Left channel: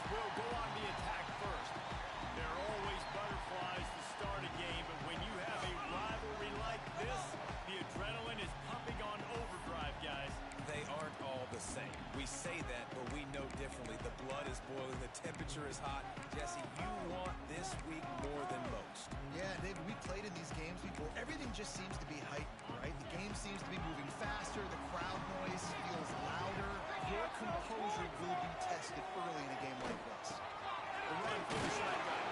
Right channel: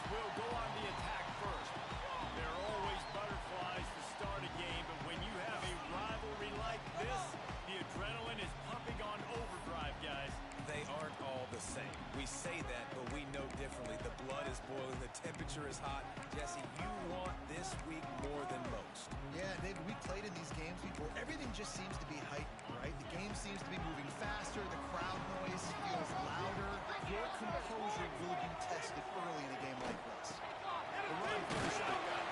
offense will go on the attack first. There are always butterflies to start a game, but when you have a rivalry like this, the adrenaline is pumping on overdrive, guys. They aren't all the same. We say that, but we know differently. The blood is boiling. The temperature is hot. Jesse, you want this week more than most. Yeah, David, we played in these games before. Everything just seems to be heightened, right? The game seems to be moving faster. The crowd noise feels louder. Your composure will be tested early in a game like this. The run for the shotgun.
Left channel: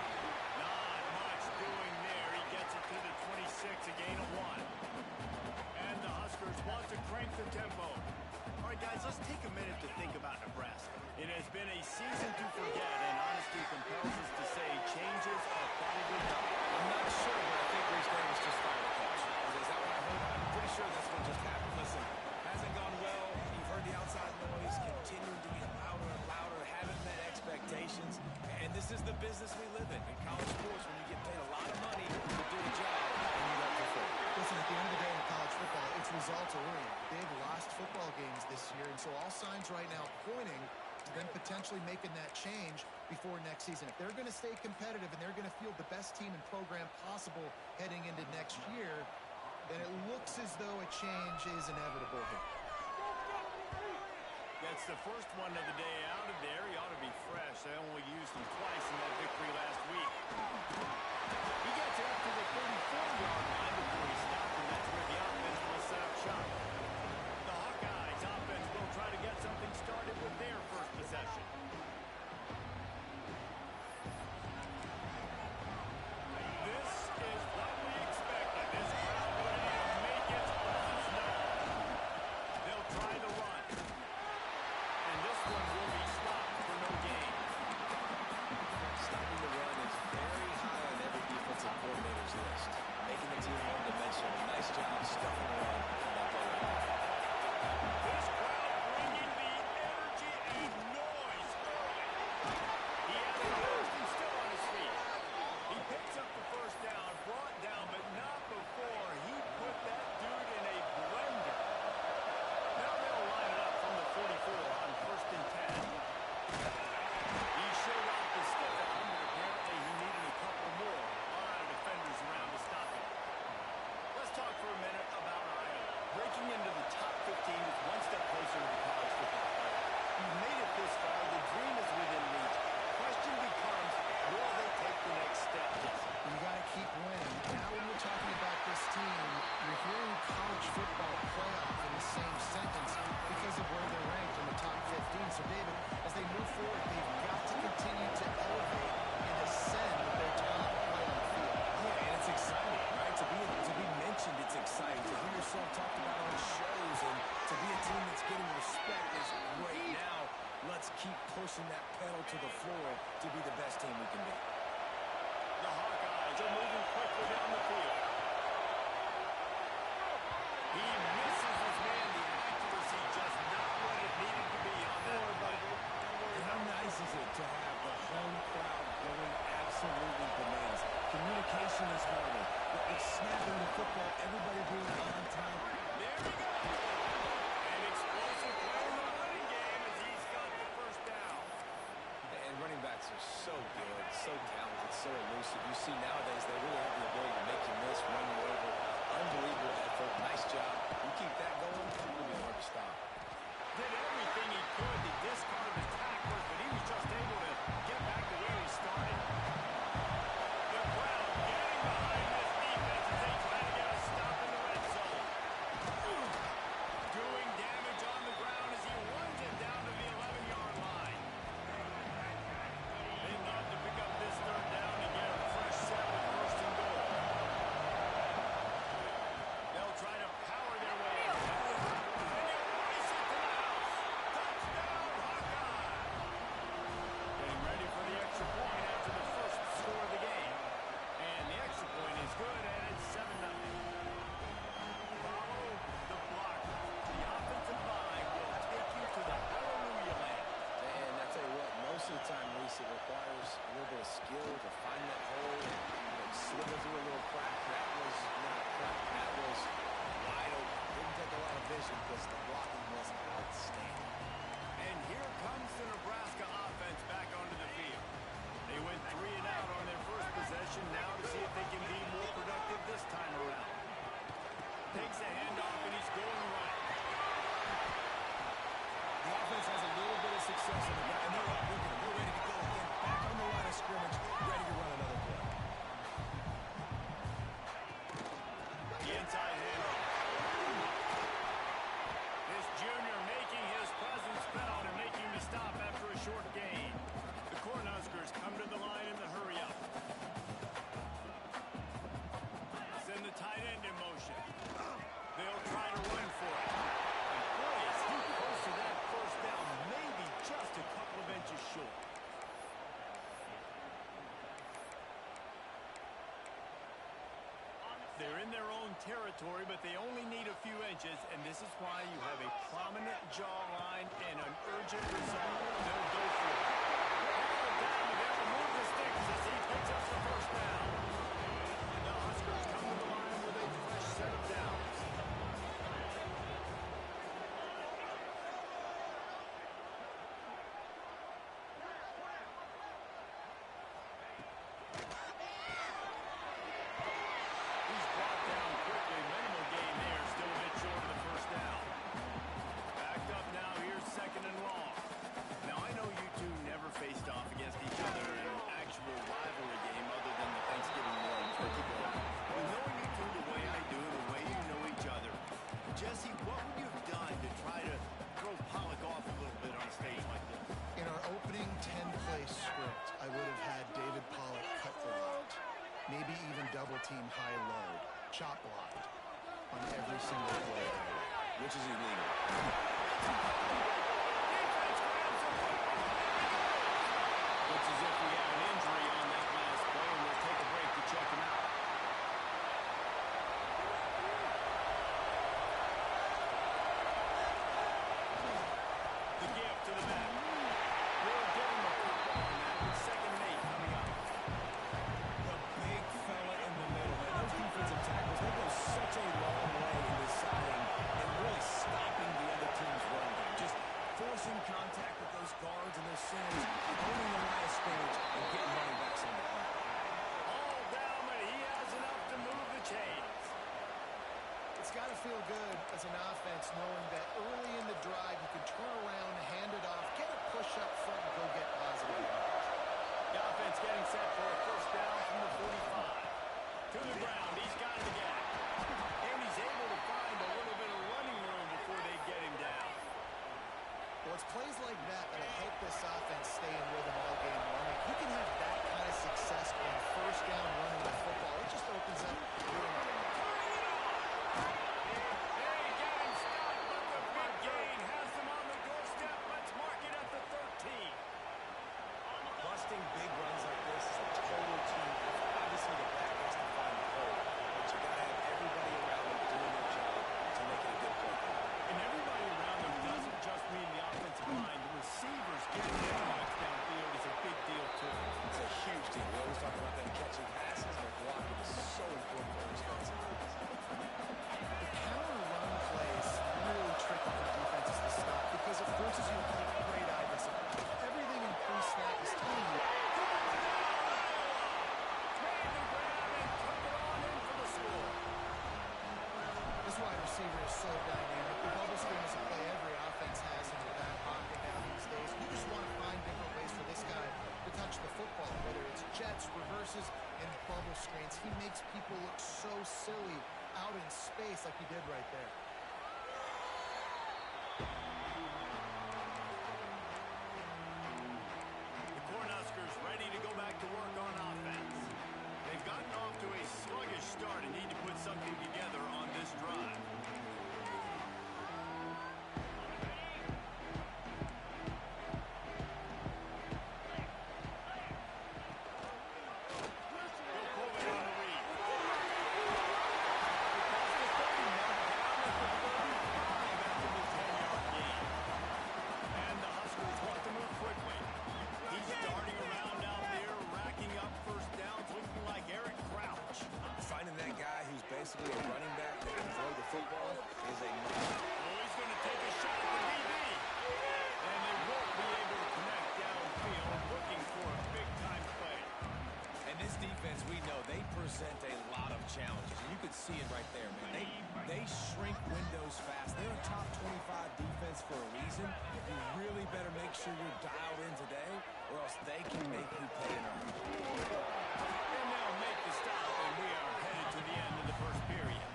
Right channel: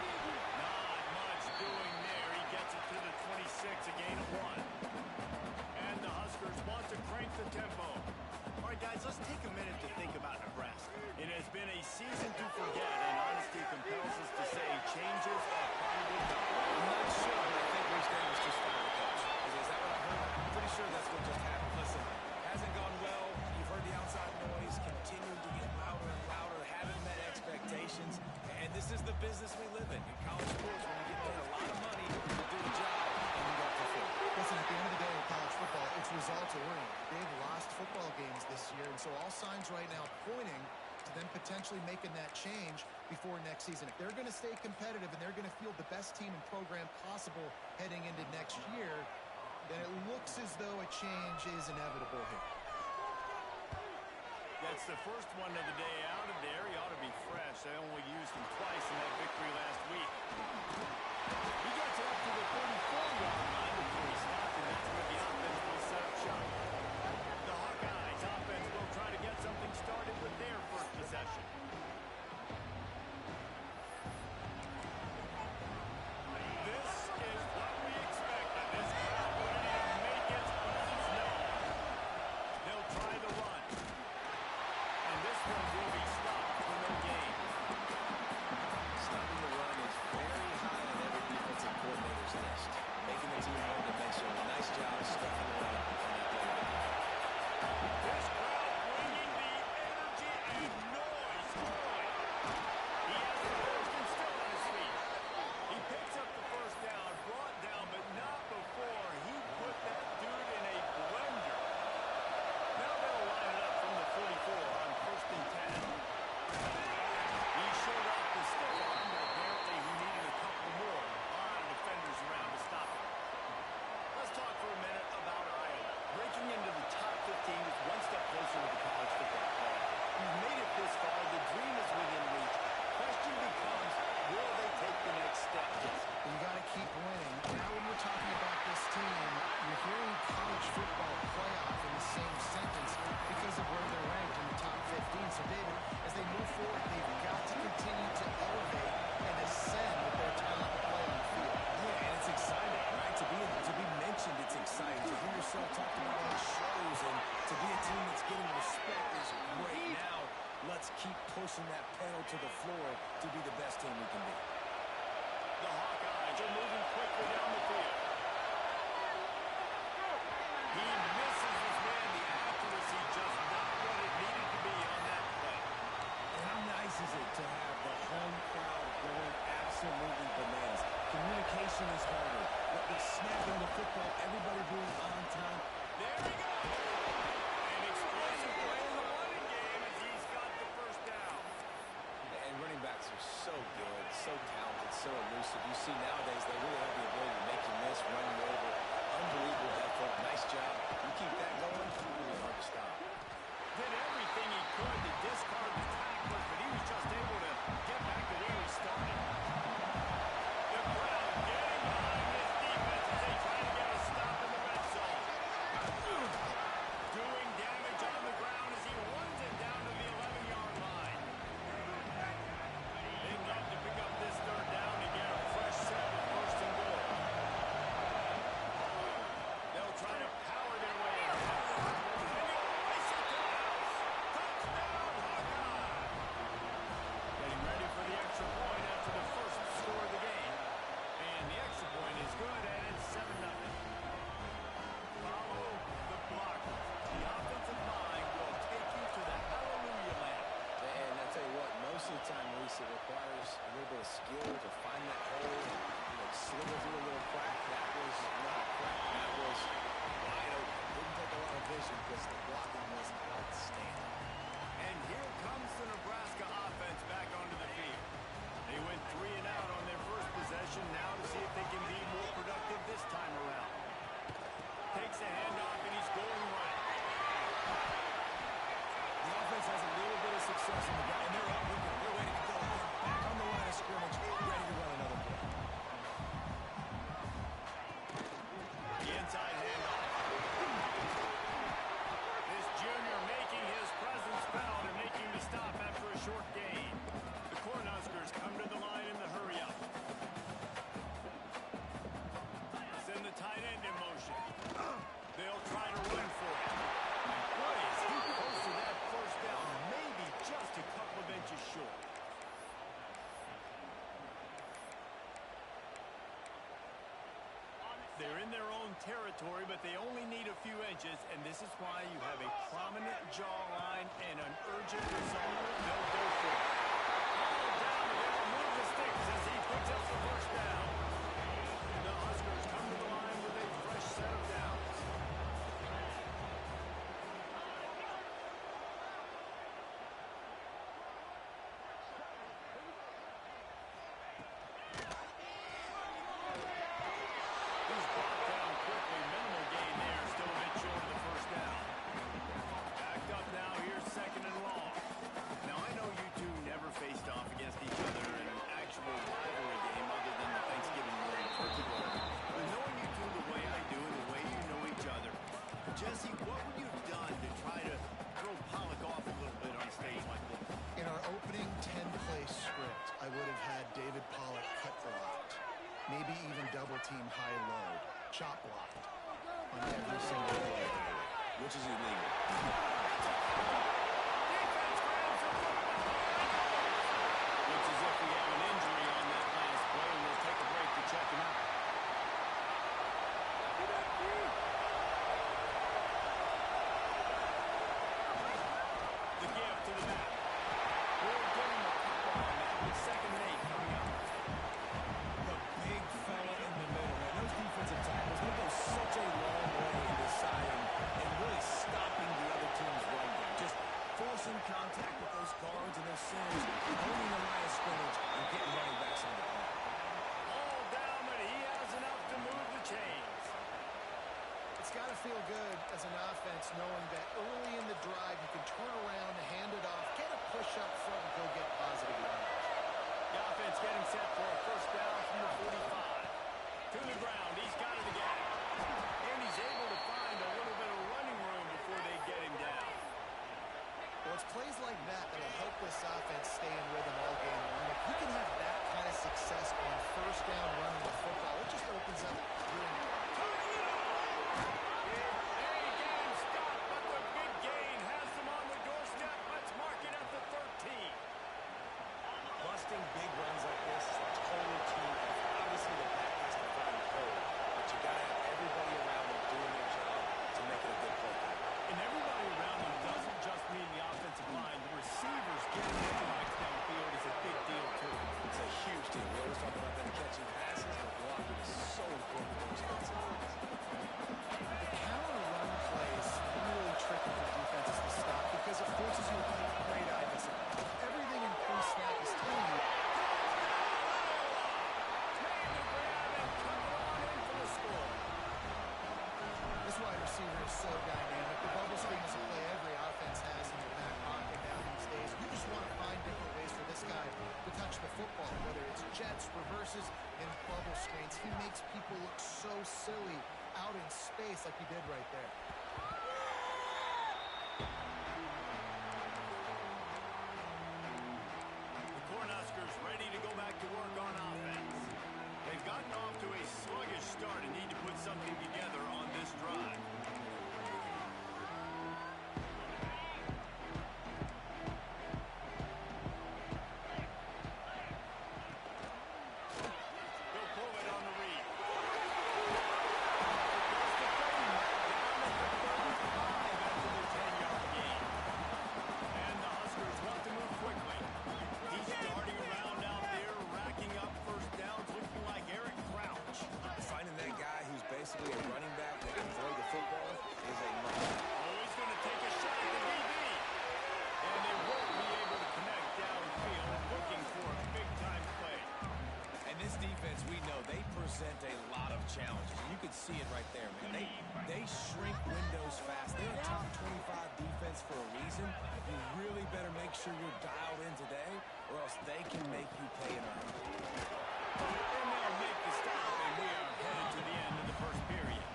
Not much doing there. He gets it to the 26, a gain of 1. And the Huskers want to crank the tempo. All right, guys, let's take a minute to think about Nebraska. It has been a season to forget, and honesty compels us to say changes are probably coming. I'm not sure, but I think Reese Davis just fired a coach. Is that what I heard? I'm pretty sure that's what just happened. Listen, hasn't gone well. You've heard the outside noise continuing to get louder and louder, haven't met expectations, and this is the business we live in college sports, when you get paid a lot of money to do a job and you don't perform. Listen, at the end of the day in college football, it's results oriented. They've lost football games this year, and so all signs right now pointing to them potentially making that change before next season. If they're going to stay competitive and they're going to field the best team and program possible heading into next year, then it looks as though a change is inevitable here. That's the first one of the day out of there. He ought to be fresh. They only used him twice in that victory last week. He gets it up to the 34-yard line before he stopped, and that's where the offense will set up shop. The Hawkeyes offense will try to get something started with their first possession. This is what we expected. This crowd ready to make its presence known. They'll try the run. And this one will be stopped for no gain. Stopping the run is very high on every defensive coordinator's list. Making the team one-dimensional. Nice job stuffing the run on that play right there. This crowd bringing the energy and noise early. He has the first and still on his feet. He picks up the first down, brought down, but not before he put that dude in a blender. Now they'll line it up from the 44 on 1st and 10. He showed off the stiff arm, but apparently he needed a couple more. A lot of defenders around to stop him. Let's talk for a minute about Iowa. Breaking into the top 15 is one step closer to the college football playoff. You've made it this far. The dream is within reach. Question becomes, will they take the next step? Yes. You got to keep winning. Now when we're talking about this team, you're hearing college football playoff in the same sentence because of where they're ranked in the top 15. So, David, as they move forward, they've got to continue to elevate and ascend with their talent to play on the field. Yeah, and it's exciting, right? To be mentioned, it's exciting. To hear yourself talked about on shows and to be a team that's getting respect is great. Now, let's keep pushing that pedal to the floor to be the best team we can be. The Hawkeyes are moving quickly down the field. He misses his man. The accuracy just not what it needed to be on that play. And how nice is it to have the home crowd going absolutely bananas? Communication is harder. The snapping the football, everybody being on time. There he goes. An explosive play in the running game as he's got the first down. And running backs are so good, so talented, so elusive. You see nowadays they really have the ability to make you miss, run you over. Unbelievable effort. Nice job. You keep that going, it's going to be hard to stop. Did everything he could to discard the tacklers, but he was just able to get back to where he started. The crowd getting behind this defense as they try to get a stop in the red zone. Doing damage on the ground as he runs it down to the 11-yard line. They'd love to pick up this third down and get a fresh set with 1st and goal. They'll try to power their way in. And they'll race it to the house. Touchdown, Hawkeye! Getting ready for the extra point after the first score of the game. And the extra point is good, and it's 7-0. Follow the blockers. The offensive line will take you to the hallelujah land. And I tell you what, most of the time, Reese, it requires a little bit of skill to find that hole and slither through a little crack. That was not a crack. That was wide open. Didn't take a lot of vision because the blocking was outstanding. And here comes the Nebraska offense back onto the success on the ground, and they're up. Look at them. They're ready to go again. Back on the line of scrimmage, ready to run another play. The inside handoff. This junior making his presence felt and making the stop after a short gain. The Cornhuskers come to the line in the hurry-up. Send the tight end in motion. They'll try to run for it. And boy, is he close to that first down, maybe just a couple of inches short. They're in their own territory, but they only need a few inches, and this is why you have a prominent jawline and an urgent resolve. They'll go for it. All down, and they'll move the sticks as he picks up the first down. The Huskers come to the line with a fresh set of downs. Faced off against each other in an actual rivalry game other than the Thanksgiving morning turkey bowl. But knowing you two the way I do, the way you know each other, Jesse, what would you have done to try to throw Pollock off a little bit on a stage like this? In our opening 10-play script, I would have had David Pollock cut blocked, maybe even double-team high load, chop blocked on every single play, which is illegal. Defense grabs the football. Looks as if we have an injury on that last play, and we'll take a break to check him out. The give to the back. We'll give him a couple on that with 2nd and 8 coming up. The big fella in the middle, man. Those defensive tackles, they go such a long way in deciding and really stopping the other team's run game. Just forcing contact with those guards and those centers, owning the line of scrimmage, and getting running backs on the ground. All down, but he has enough to move the chains. It's got to feel good as an offense knowing that early in the drive you can turn around, hand it off, get a push up front, and go get positive yardage. The offense getting set for a first down from the 45. To the ground, he's got it again. And he's able to find a little bit of running room before they get him down. Well, it's plays like that that'll help this offense stay in rhythm all game long. If you can have that kind of success on first down running the football, it just opens up your turning it on. They get him stopped, but the big gain has them on the doorstep. Let's mark it at the 13. Busting big runs like this is a total team effort. Obviously, the back has to find the hole, but you got to have everybody around them doing their job to make it a good play. And everybody around them doesn't just mean the offensive line. The receivers getting their legs downfield is a big deal, too. It's a huge deal. We always talk about them catching passes, but blocking is so important for responsibilities. The counter run plays really tricky for defenses to stop because it forces you to play great eye discipline. Everything in pre-snap is telling you. Made the grab and took it on in for the score. This wide receiver is so dynamic. The bubble screen is a play every offense has in their back pocket now these days. You just want to find different ways for this guy to touch the football, whether it's jets, reverses, and bubble screens. He makes people look so silly out in space like he did right there. The Cornhuskers ready to go back to work on offense. They've gotten off to a sluggish start and need to put something together on this drive. He'll pull it on the read. Across the 30 mark, down at the 35 after the 10-yard gain. And the Huskers want to move quickly. He's darting around out there, racking up first downs, looking like Eric Crouch. Finding that guy who's basically a running back that can throw the football is a must. Oh, he's going to take a shot at the DB. And they won't be able to connect downfield, looking for a big-time play. And this defense, we know they present a lot of challenges. And you can see it right there, man. They shrink windows fast. They're a top 25 defense for a reason. You really better make sure you're dialed in today, or else they can make you pay in a hurry. And they'll make the stop, and we are headed to the end of the first period.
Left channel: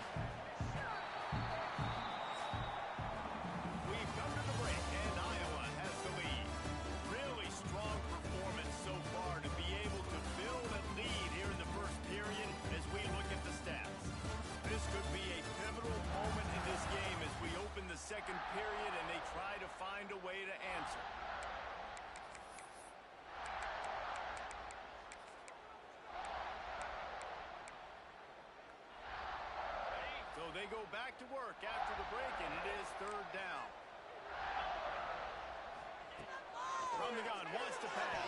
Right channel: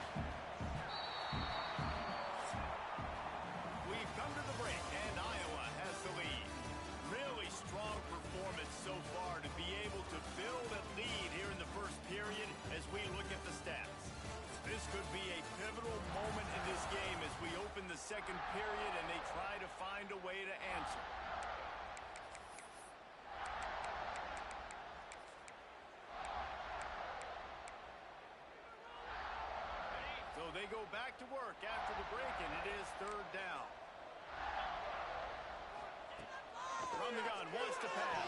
We've come to the break, and Iowa has the lead. Really strong performance so far to be able to build a lead here in the first period as we look at the stats. This could be a pivotal moment in this game as we open the second period and they try to find a way to answer. So they go back to work after the break, and it is third down. From the gun, wants to pass.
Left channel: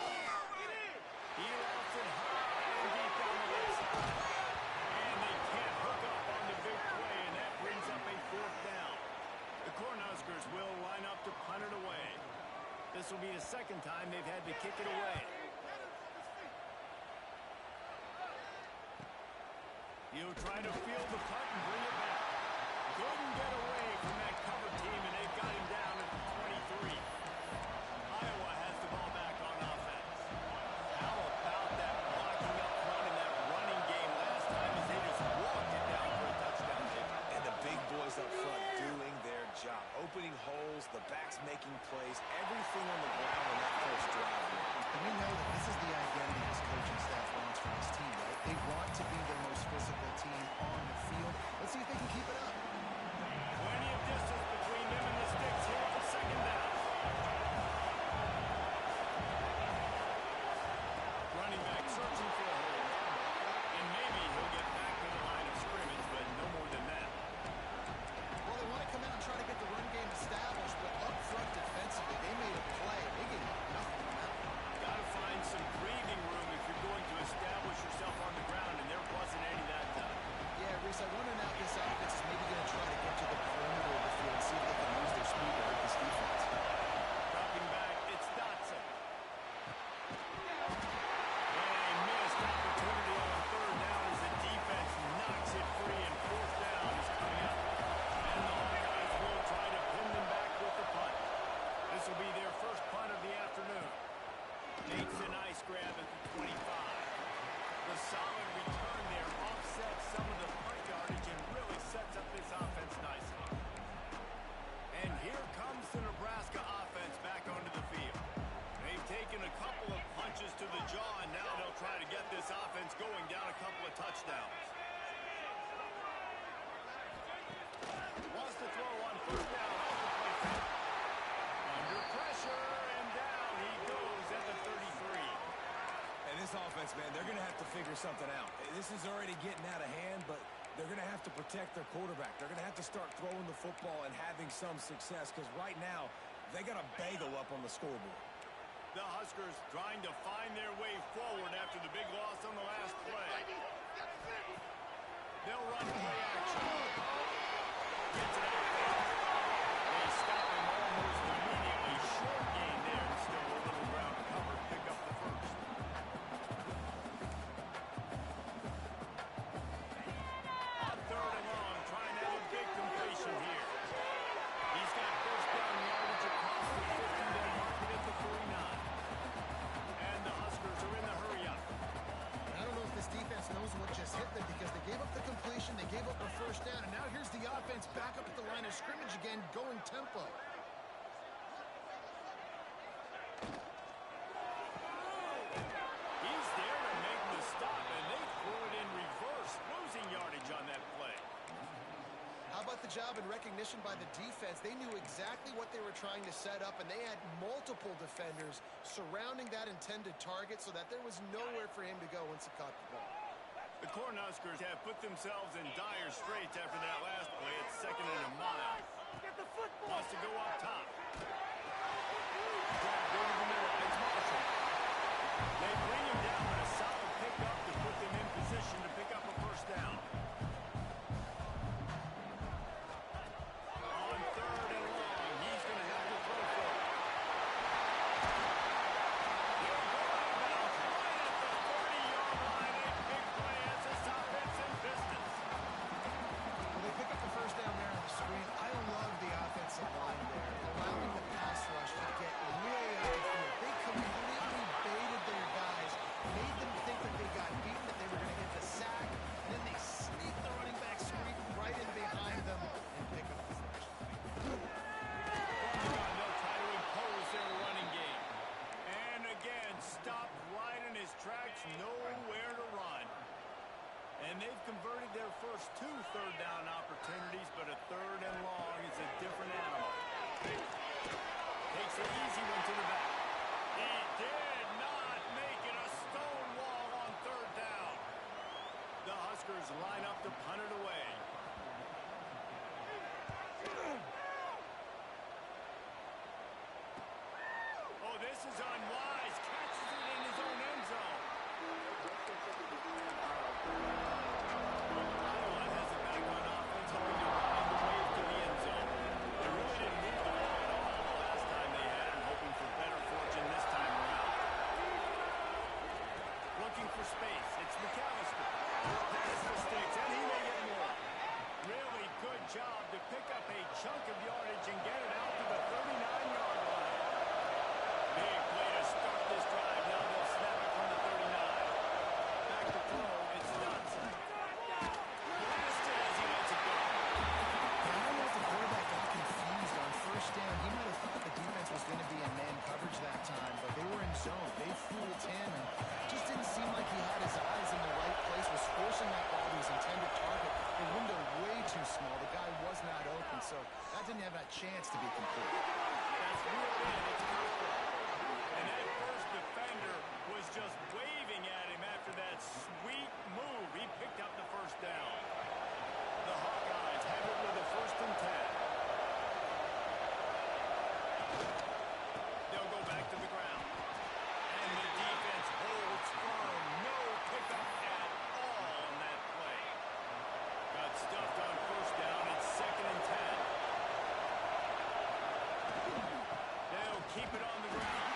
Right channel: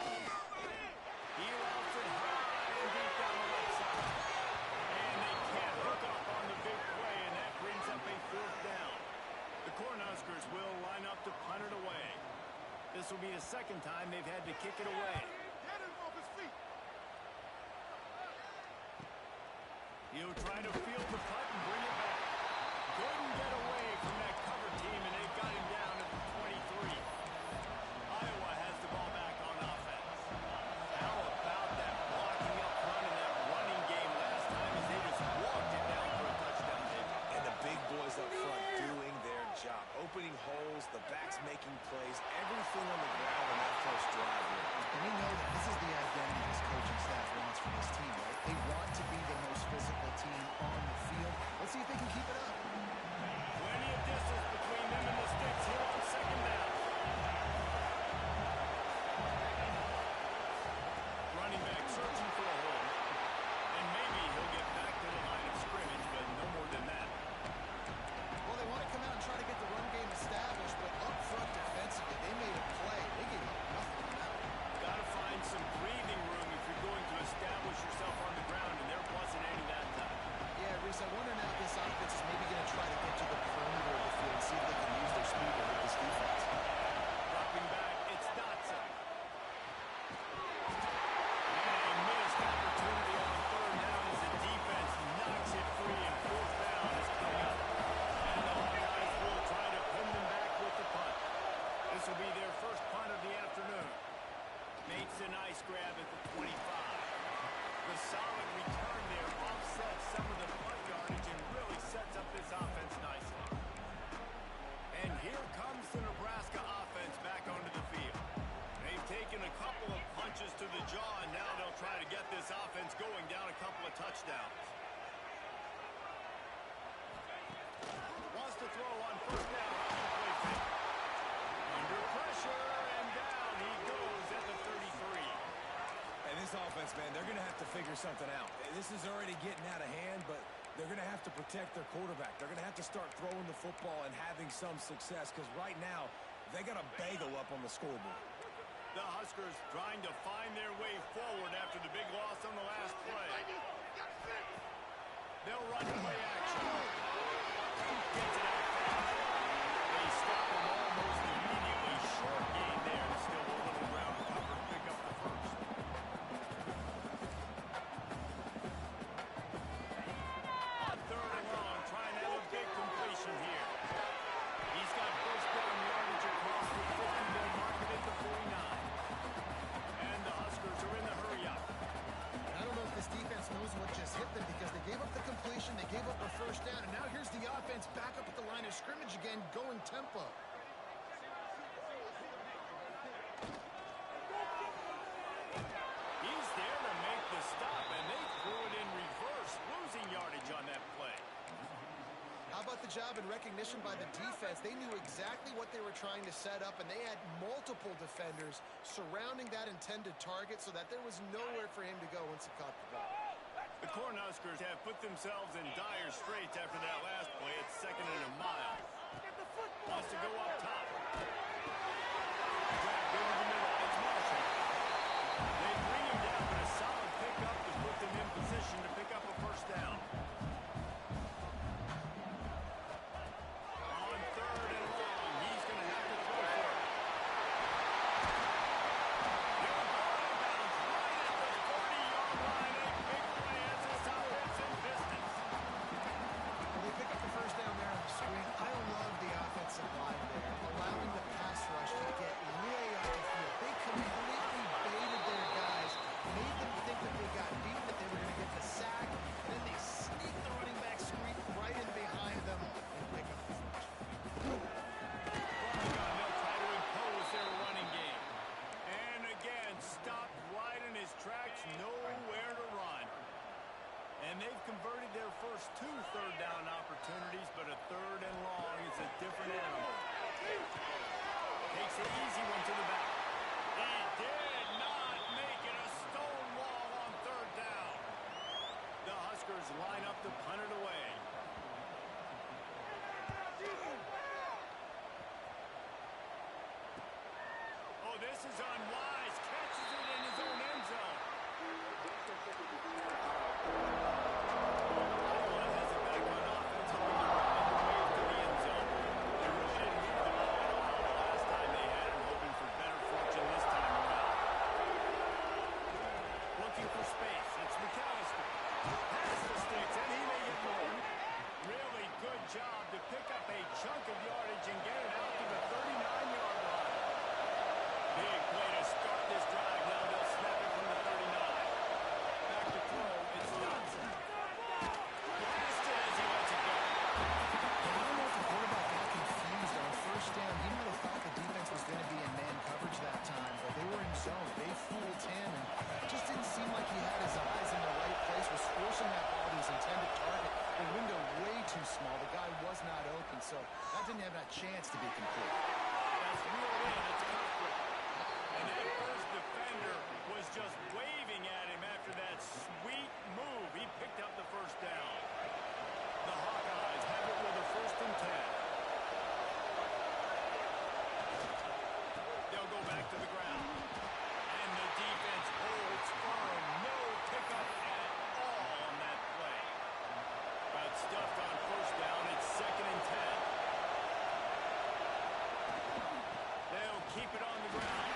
He routes it high and deep down the left side. And they can't hook up on the big play, and that brings up a fourth down. The Cornhuskers will line up to punt it away. This will be the second time they've had to kick it away. He'll try to field the punt and bring it back. Couldn't get away from that cover team, and they've got him down at the 23. Iowa has the ball back on offense. How about that blocking up front in that running game last time as they just walked it down for a touchdown, David? And the big boys up front doing their job. Opening holes, the backs making plays, everything on the ground on that first drive. And we know that this is the identity this coaching staff wants for this team, right? They want to be the most physical team on the field. Let's see if they can keep it up. Plenty of distance between them and the sticks here on second down. Running back searching for a hole. And maybe he'll get back to the line of scrimmage, but no more than that. Well, they want to come out and try to get the run game established, but up front defensively, they made a play. They gave up nothing on that one. Got to find some breathing room if you're going to establish yourself on the ground, and there wasn't any that time. Yeah, Reese, I wonder now if this offense is maybe going to try to get to the perimeter of the field and see if they can use their speed to hurt this defense. Dropping back, it's Dotson. And a missed opportunity on third down as the defense knocks it free, and fourth down is coming up. And the Hawkeyes will try to pin them back with the punt. This will be their first punt of the afternoon. Makes a nice grab at the 25. The solid return there offsets some of the punt yardage and really sets up this offense nicely. And here comes the Nebraska offense back onto the field. They've taken a couple of punches to the jaw, and now they'll try to get this offense going down a couple of touchdowns. Wants to throw on first down off the play fake. Under pressure, and down he goes at the 33. And this offense, man, they're going to have to figure something out. This is already getting out of hand, but they're going to have to protect their quarterback. They're going to have to start throwing the football and having some success, because right now they got a bagel up on the scoreboard. The Huskers trying to find their way forward after the big loss on the last play. They'll run play action. Gets it out fast. They stop him almost immediately. Short gain there, and still a little ground to cover. Pick up the first. On third and long, trying to have a big completion here. He's got first down yardage across the 50. They'll mark it at the 49. And the Huskers are in the hurry up. I don't know if this defense knows what just hit them, because they gave up the completion, they gave up a first down, and now here's the offense back up at the line of scrimmage again, going tempo. He's there to make the stop, and they threw it in reverse, losing yardage on that play. How about the job and recognition by the defense? They knew exactly what they were trying to set up, and they had multiple defenders surrounding that intended target so that there was nowhere for him to go once he caught the ball. The Cornhuskers have put themselves in dire straits after that last play. It's second and a mile. Wants to go up top. Grabbed over the middle. It's Marshall. They bring him down, but a solid pickup to put them in position to pick up a first down. On third and long, he's going to have to throw for it. He'll go out of bounds right at the 30-yard line. A And they've converted their first 2 third-down opportunities, but a 3rd and long is a different animal. Takes an easy one to the back. He did not make it a stone wall on 3rd down. The Huskers line up to punt it away. Oh, this is unwise. Catches it in his own end zone. Iowa has it back on offense, hoping to ride the wave to the end zone. They really didn't move the ball at all the last time they had it, hoping for better fortune this time around. Looking for space. It's McAllister. Pass the sticks, and he may get more. Really good job to pick up a chunk of yardage and get it out to the 39-yard line. Big play to start this drive. Now they'll snap it from the 39. Back to throw. It's Dotson. Blasted as he lets it go. Yeah, I don't know if the quarterback got confused on 1st down. He might have thought the defense was going to be in man coverage that time, but they were in zone. They fooled him, and just didn't seem like he had his eyes in the right place, was forcing that ball to his intended target. The window way too small. The guy was not open, so that didn't have that chance to be complete. That's reeled in. It's Cooper. And that first defender was just waving at him after that sweet move. He picked up the 1st down. The Hawkeyes have it with a 1st and 10. They'll go back to the ground. And the defense holds firm. No pickup at all on that play. Got stuffed on 1st down. It's 2nd and 10. They'll keep it on the ground.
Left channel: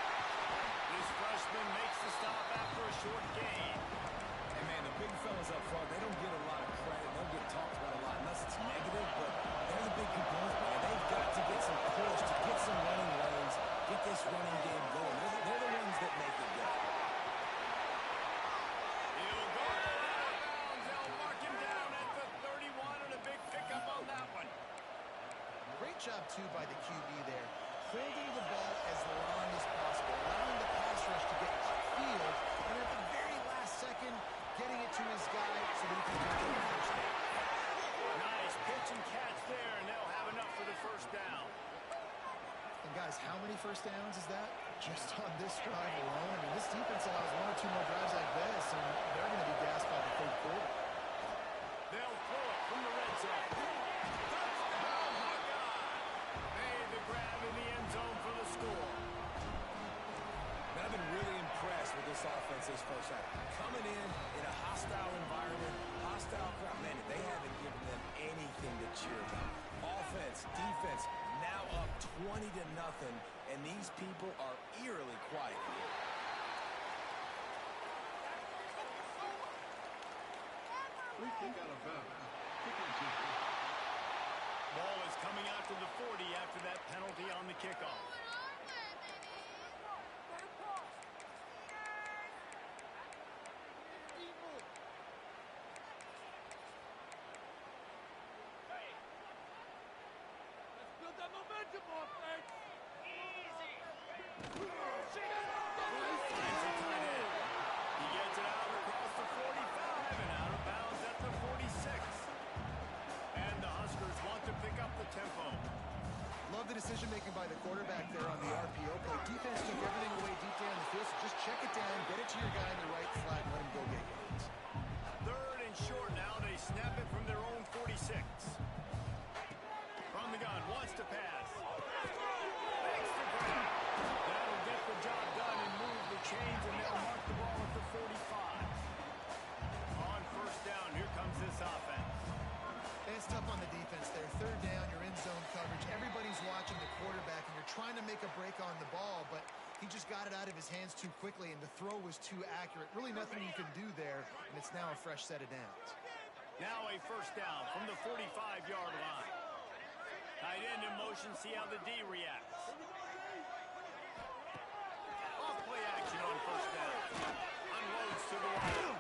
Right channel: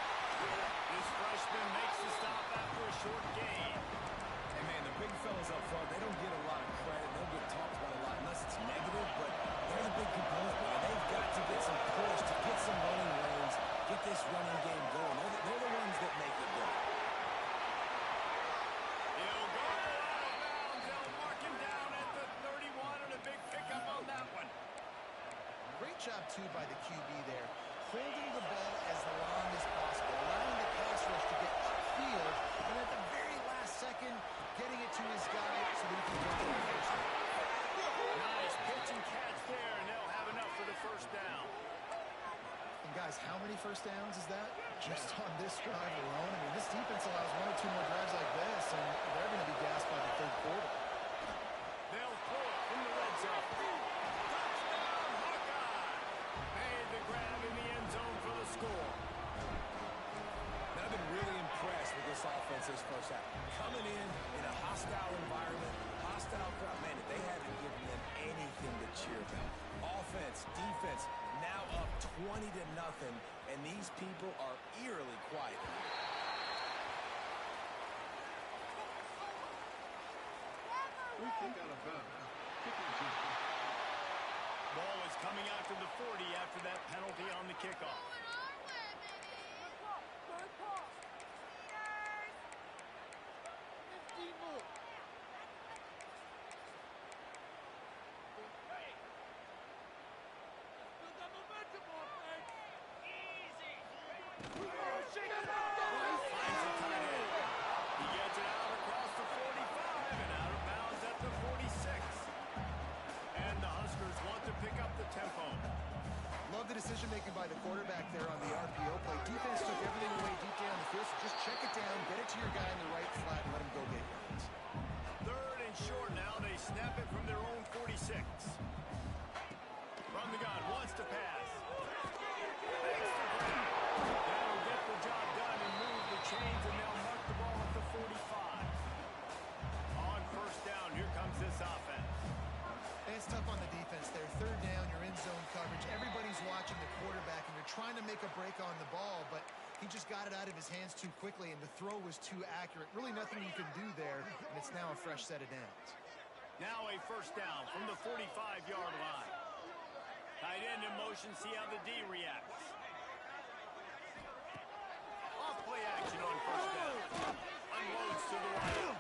This freshman makes the stop after a short gain. And, man, the big fellas up front, they don't get a lot of credit. They'll get talked about a lot unless it's negative, but they're the big component, man. They've got to get some push, to get some running lanes, get this running game going. They're the ones that make it go. He'll go out of bounds. They'll mark him down at the 31 and a big pickup on that one. Great job, too, by the QB there. Holding the ball as long as possible, allowing the pass rush to get upfield, and at the very last second, getting it to his guy so that he can get to the 1st down. Nice pitch and catch there, and they'll have enough for the 1st down. And, guys, how many 1st downs is that? Just on this drive alone? I mean, this defense allows 1 or 2 more drives like this, and they're going to be gassed by the 3rd quarter. They'll throw it from the red zone. Touchdown, Hawkeye! Made the grab in the end zone for the score. Man, I've been really impressed with this offense this 1st half. Coming in a hostile environment, hostile crowd. Man, they haven't given them anything to cheer about. Offense, defense, now up 20-0, and these people are eerily quiet here. Free kick out of bounds. Kicking team. Ball is coming out to the 40 after that penalty on the kickoff. Finds a tight end. He gets it out across the 45 and out of bounds at the 46. And the Huskers want to pick up the tempo. Love the decision-making by the quarterback there on the RPO play. Defense took everything away deep down the field, so just check it down, get it to your guy in the right flat, and let him go get yards. 3rd and short now. They snap it from their own 46. From the gun, wants to pass. Makes the grab. That'll get the job done and move the chains, and they'll mark the ball at the 45. On 1st down, here comes this offense. And it's tough on the defense there. 3rd down, you're in zone coverage. Everybody's watching the quarterback, and you're trying to make a break on the ball, but he just got it out of his hands too quickly, and the throw was too accurate. Really nothing you can do there, and it's now a fresh set of downs. Now a 1st down from the 45-yard line. Tight end in motion, see how the D reacts. Off play action on 1st down. Unloads to the right.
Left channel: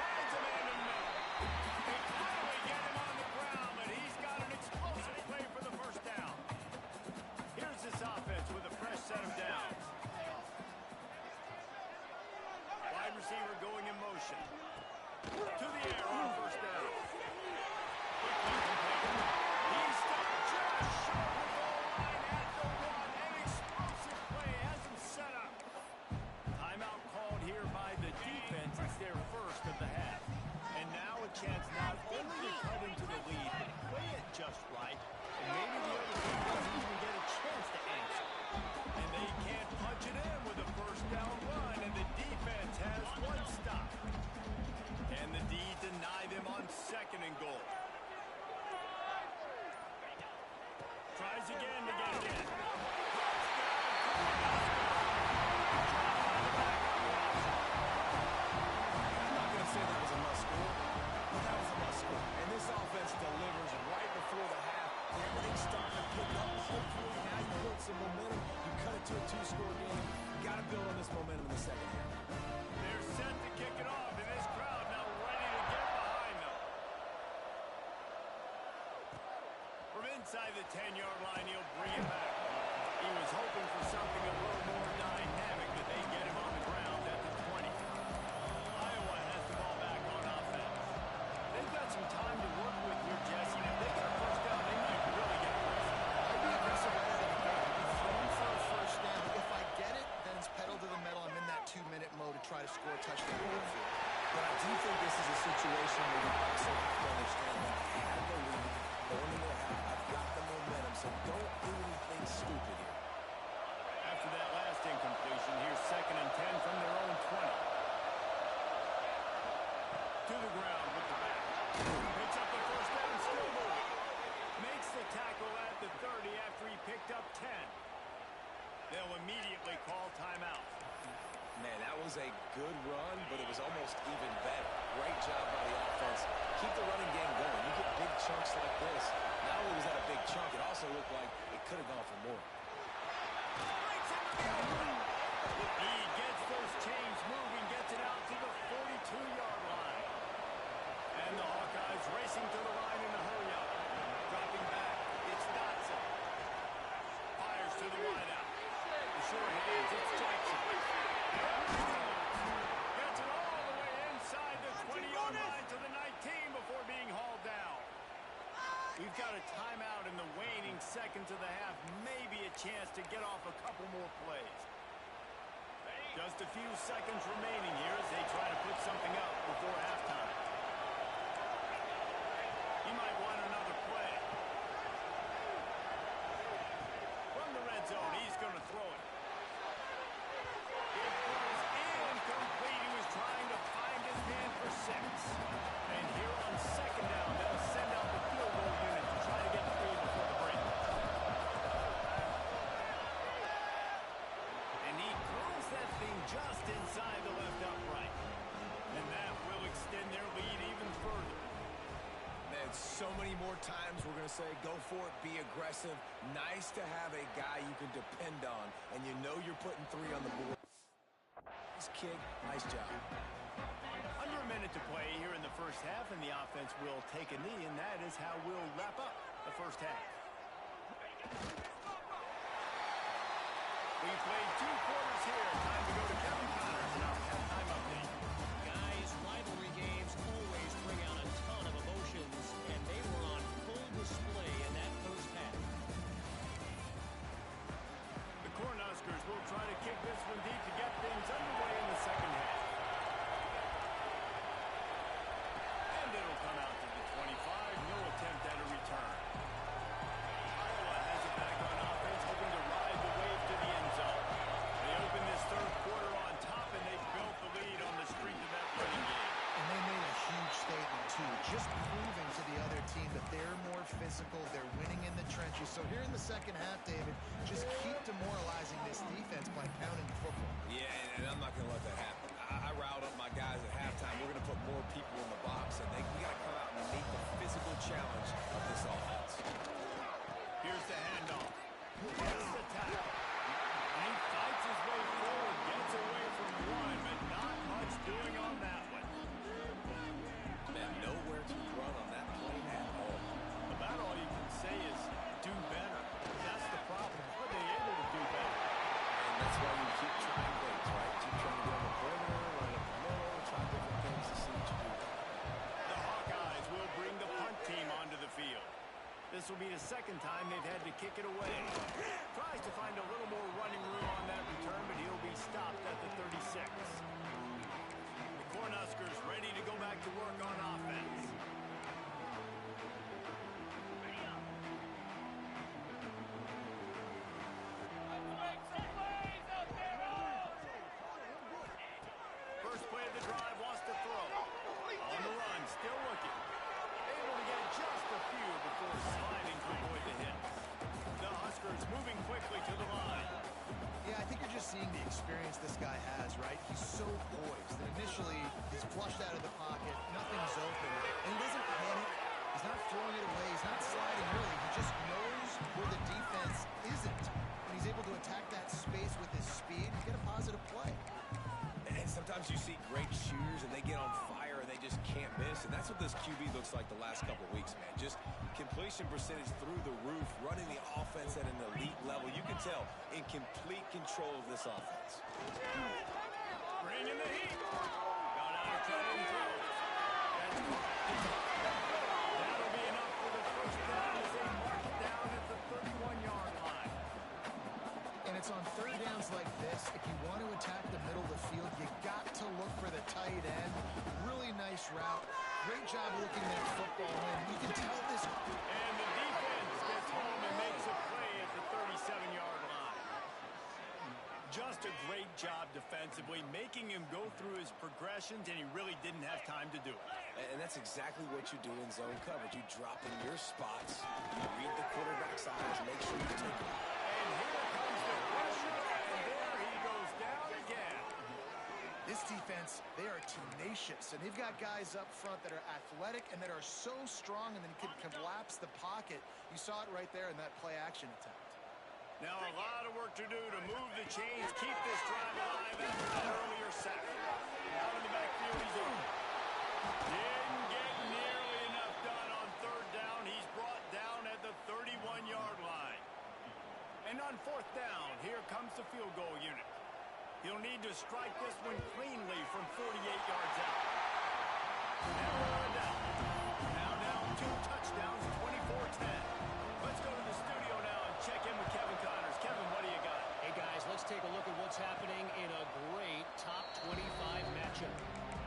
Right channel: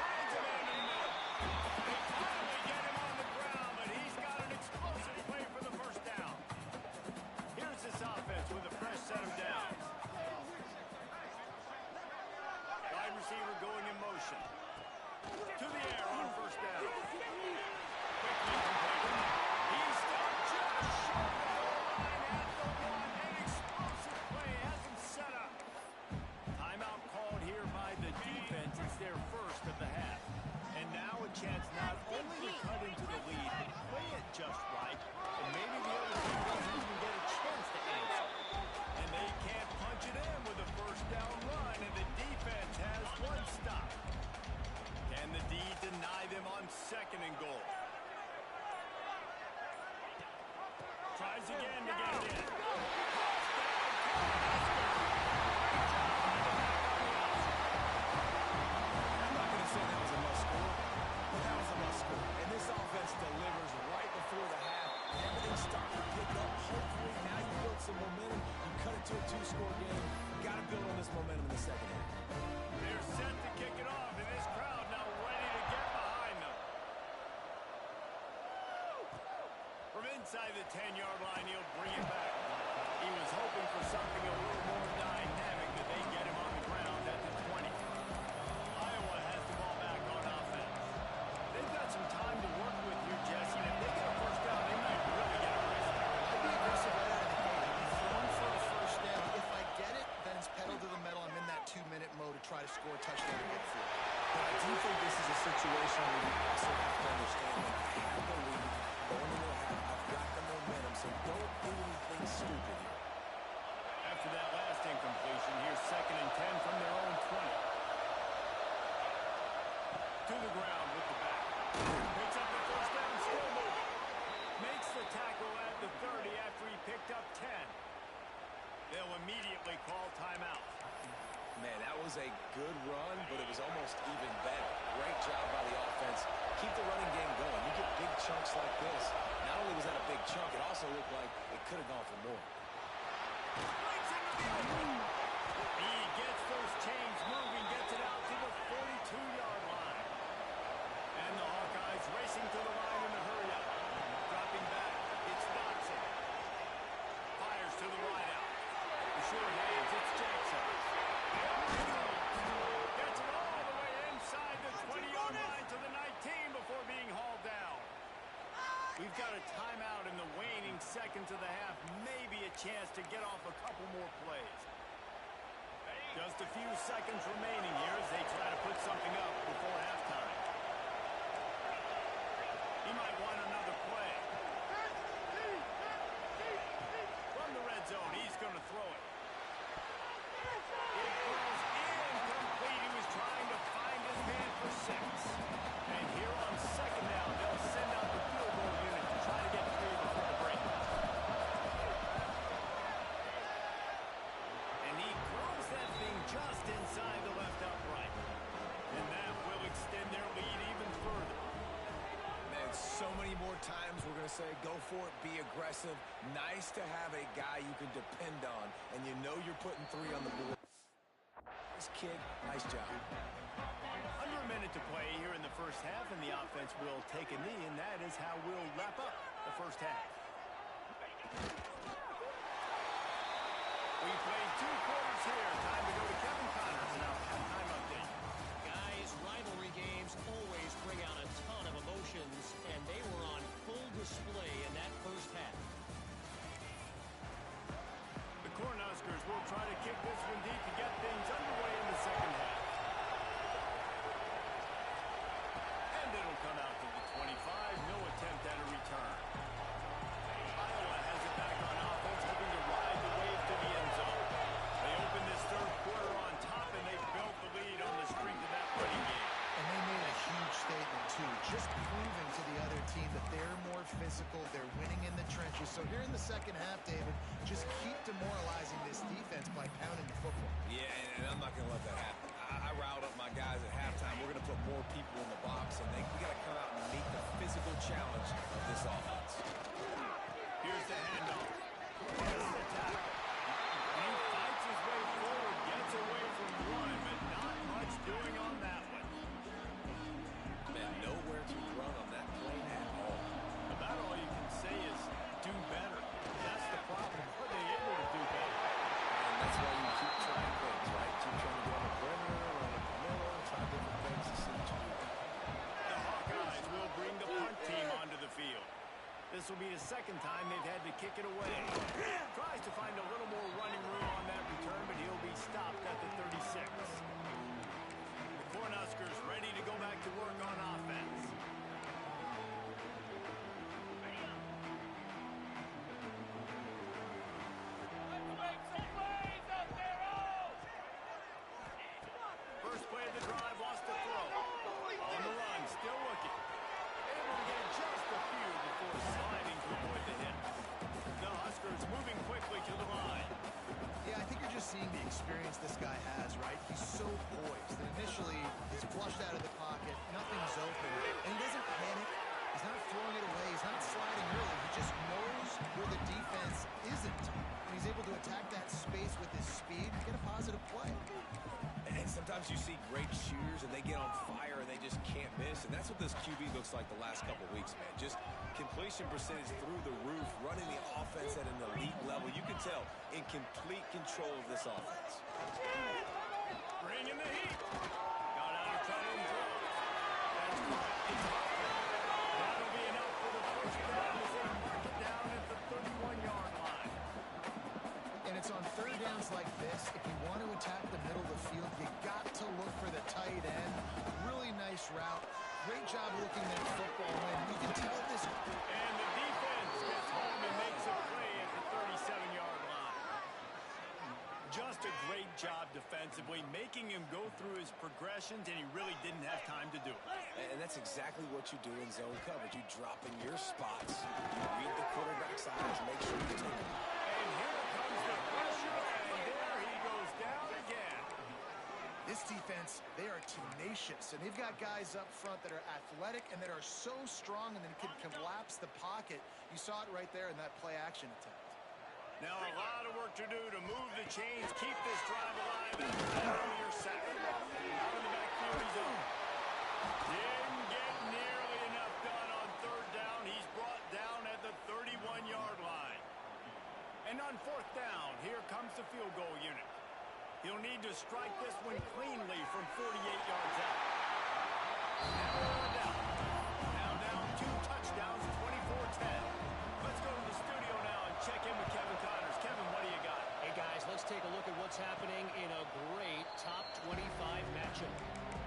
Finds a man in the middle. They finally get him on the ground, but he's got an explosive play for the 1st down. Here's this offense with a fresh set of downs. Wide receiver going in motion. To the air on 1st down run, and the defense has one stop. Can the D deny them on 2nd and goal? Tries again to get it in. Touchdown, Cornhusker. Great job by the back on the outside. I'm not going to say that was a must-score, but that was a must-score. And this offense delivers right before the half. Everything's starting to pick up. Hopefully, now you build some momentum. You cut it to a 2-score game. You got to build on this momentum in the second half. They're set to kick it off, and this crowd now ready to get behind them. From inside the 10-yard line, he'll bring it back. He was hoping for something a little more dynamic, but they get him on the ground at the 20. Iowa has the ball back on offense. They've got some time to work with here, Jesse, and if they get a first down, they might really get aggressive. I'd be aggressive right out of the gate. I'd be throwing for a first down. If I get it, then it's pedal to the metal. I'm in that 2-minute mode to try to score a touchdown midfield. But I do think this is a situation where you also have to understand that I had the lead going into the half. I've got the momentum, so don't do anything stupid here. After that last incompletion, here's 2nd and 10 from their own 20. To the ground with the back. Picks up the first down, still moving. Makes the tackle at the 30 after he picked up 10. They'll immediately call timeout. Man, that was a good run, but it was almost even better. Great job by the offense. Keep the running game going. You get big chunks like this. Not only was that a big chunk, it also looked like it could have gone for more. Breaks into the open. He gets those chains moving, gets it out to the 42-yard line. And the Hawkeyes racing to the line in the hurry-up. Dropping back, it's Dotson. Fires to the wideout. The short hands, it's Jackson. Gets it all the way inside the 20-yard line to the 19 before being hauled down. We've got a timeout in the waning seconds of the half. Maybe a chance to get off a couple more plays. Just a few seconds remaining here as they try to put something up before halftime. He might want another play. From the red zone, he's going to throw it. It falls incomplete. He was trying to find his man for 6. And here on 2nd down, they'll send out the field goal unit to try to get 3 before the break. And he curls that thing just inside the left upright. And that will extend their lead even further. Man, so many more times we're going to say, go for it, be aggressive. Nice to have a guy you can depend on, and you know you're putting 3 on the board. Nice kick, nice job. Under a minute to play here in the first half, and the offense will take a knee, and that is how we'll wrap up the first half. We played 2 quarters here. Time to go to Kevin Connors in our halftime update. Guys, rivalry games always bring out a ton of emotions, and they were on full display in that first half. The Cornhuskers will try to kick this one deep to get things underway in the second half. And it'll come out to the 25. No attempt at a return. Iowa has it back on offense, hoping to ride the wave to the end zone. They open this third quarter on top, and they built the lead on the strength of that running game. And they made a huge statement, too, just proving to the other team that they're more physical, they're winning in the trenches. So here in the second half, David, just keep demoralizing this defense by pounding the football. Yeah, and I'm not going to let that happen. I riled up my guys at halftime. We're going to put more people in the box, and we got to come out and meet the physical challenge of this offense. Here's the handoff. Here's the tackle. And he fights his way forward, gets away from one, but not much doing on that one. Man, nowhere to run on that play at all. About all you can say is do better. That's the problem. Are they able to do better? And that's why you keep trying things, right? Keep trying to get on the perimeter, run up the middle, try different things to see what you do there. The Hawkeyes will bring the punt team onto the field. This will be the second time they've had to kick it away. Tries to find a little more running room on that return, but he'll be stopped at the 36. The Cornhuskers ready to go back to work on offense. moving quickly to the line. Yeah, I think you're just seeing the experience this guy has, right? He's so poised. And initially, he's flushed out of the pocket. Nothing's open. And he doesn't panic. He's not throwing it away. He's not sliding early. He just knows where the defense isn't. And he's able to attack that space with his speed and get a positive play. And sometimes you see great shooters, and they get on fire, and they just can't miss. And that's what this QB looks like the last couple weeks, man. Just completion percentage through the roof, running the offense at an elite level. You can tell in complete control of this offense. Bringing the heat. Got out of trouble and throws. That's caught. It's up. That'll be enough for the first down as they mark it down at the 31-yard line. And it's on third downs like this. If you want to attack the middle of the field, you got to look for the tight end. Really nice route. Great job looking at football. And you can tell this. And the defense gets home and makes a play at the 37-yard line. Just a great job defensively, making him go through his progressions, and he really didn't have time to do it. And that's exactly what you do in zone coverage. You drop in your spots, you read the quarterback's eyes, make sure you take them. And here comes the pressure, and there he goes down again. This defense, they are tenacious, and they've got guys up front that are athletic and that are so strong and then can collapse the pocket. You saw it right there in that play-action attempt. Now a lot of work to do to move the chains, keep this drive alive after that earlier sack. Out in the backfield, he's open. Didn't get nearly enough done on third down. He's brought down at the 31-yard line. And on fourth down, here comes the field goal unit. He'll need to strike this one cleanly from 48 yards out. Never a doubt. Now down 2 touchdowns, 24-10. Let's go to the studio now and check in with Kevin Connors. Kevin, what do you got? Hey, guys, let's take a look at what's happening in a great top 25 matchup.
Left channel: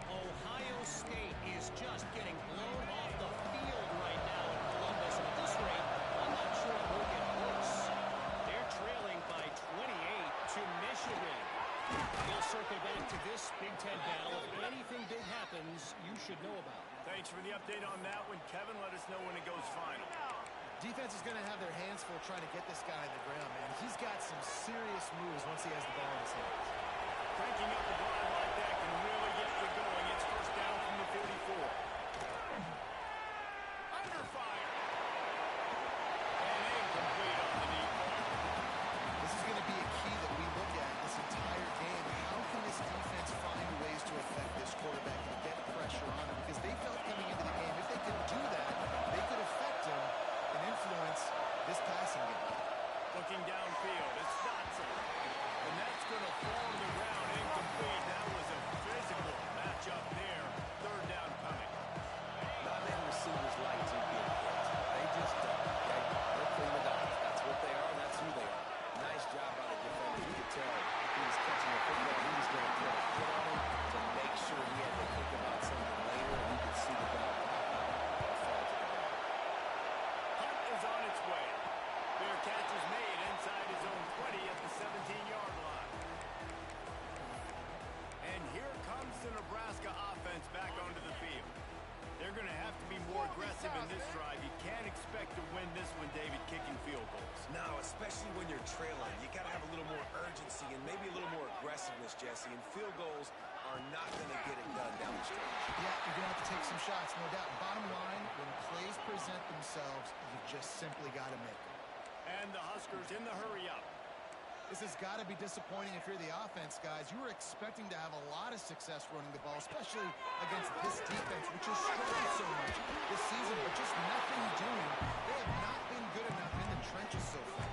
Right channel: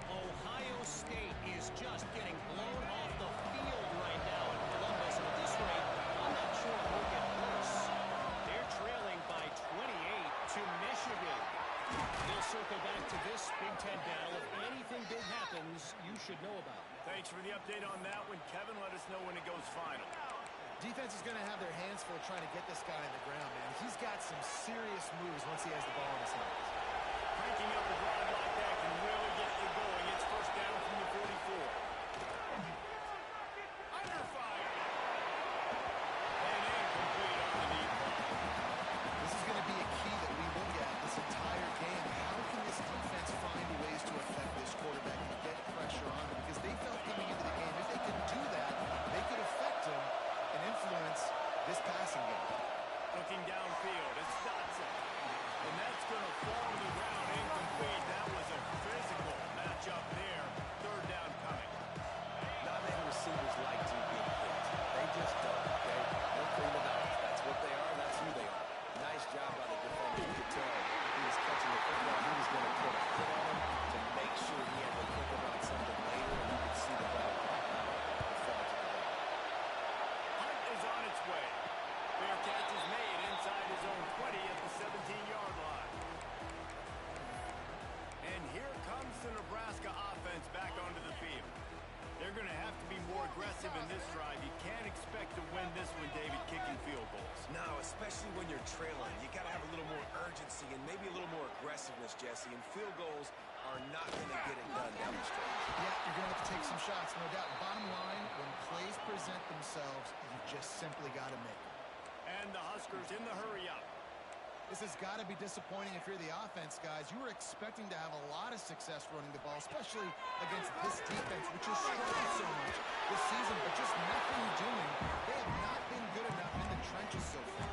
Ohio State is just getting blown off the field right now in Columbus. And at this rate, I'm not sure it will get worse. They're trailing by 28 to Michigan. We'll circle back to this Big Ten battle. If anything big happens, you should know about. Thanks for the update on that one, Kevin. Let us know when it goes final. Defense is going to have their hands full trying to get this guy on the ground, man. He's got some serious moves once he has the ball in his hands. Cranking up a drive like that can really get you going. It's first down from the 44. Under fire. And incomplete on the deep ball. This is going to be a key that we look at this entire game. How can this defense find ways to affect this quarterback and get pressure on him? Because they felt coming into the game, if they could do that, they could affect him and influence this passing game. Looking downfield, it's Dotson. And that's going to fall to the ground incomplete. That was a physical matchup there. Third down coming. Not many receivers like to get hit. They just don't, okay? They're prima donnas. That's what they are. That's who they are. Nice job by the defender. You could tell he was catching the football. He was going to put a hit on him to make sure he had to think about something later, and you could see the ball pop out and fall to the ground. Hunt is on its way. Fair catch is made inside his own 20 at the 17-yard line. And here comes the Nebraska offense back onto the field. They're going to have to be more aggressive in this drive. You can't expect to win this one, David, kicking field goals. No, especially when you're trailing. You got to have a little more urgency and maybe a little more aggressiveness, Jesse. And field goals are not going to get it done down the stretch. Yeah, you're going to have to take some shots, no doubt. Bottom line, when plays present themselves, you just simply got to make them. And the Huskers in the hurry-up. This has got to be disappointing if you're the offense, guys. You were expecting to have a lot of success running the ball, especially against this defense, which has struggled so much this season, but just nothing doing. They have not been good enough in the trenches so far.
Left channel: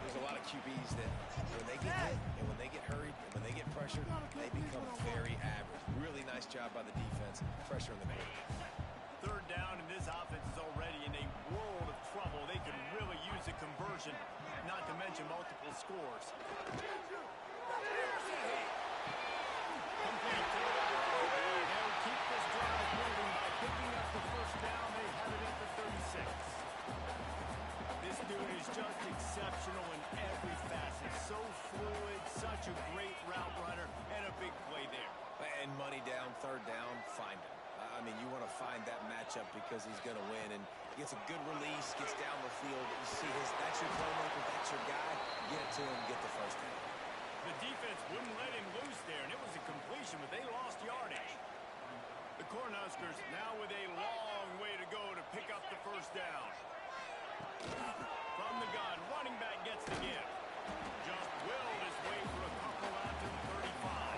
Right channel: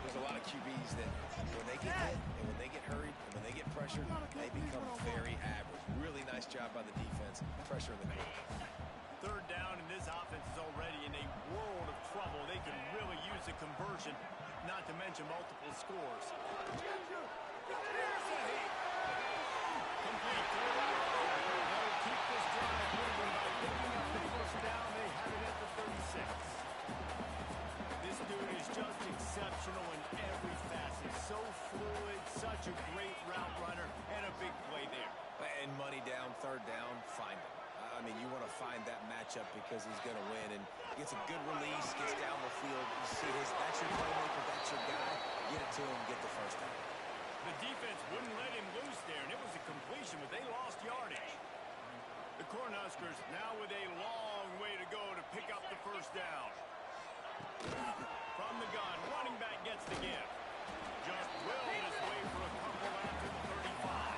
There's a lot of QBs that when they get hit and when they get hurried and when they get pressured, they become very average. Really nice job by the defense, pressure in the quarterback. Third down, and this offense is already in a world of trouble. They could really use a conversion, not to mention multiple scores. Complete to the right. They'll keep this drive moving by picking up the first down. They have it at the 36. This dude is just exceptional in every facet. So fluid, such a great route runner, and a big play there. And money down, third down, find him. I mean, you want to find that matchup because he's going to win. And gets a good release, gets down the field. You see that's your playmaker, that's your guy. Get it to him, get the first down. The defense wouldn't let him loose there, and it was a completion, but they lost yardage. The Cornhuskers now with a long way to go to pick up the first down. From the gun, running back gets the gift. Just willed his way for a couple out to the 35.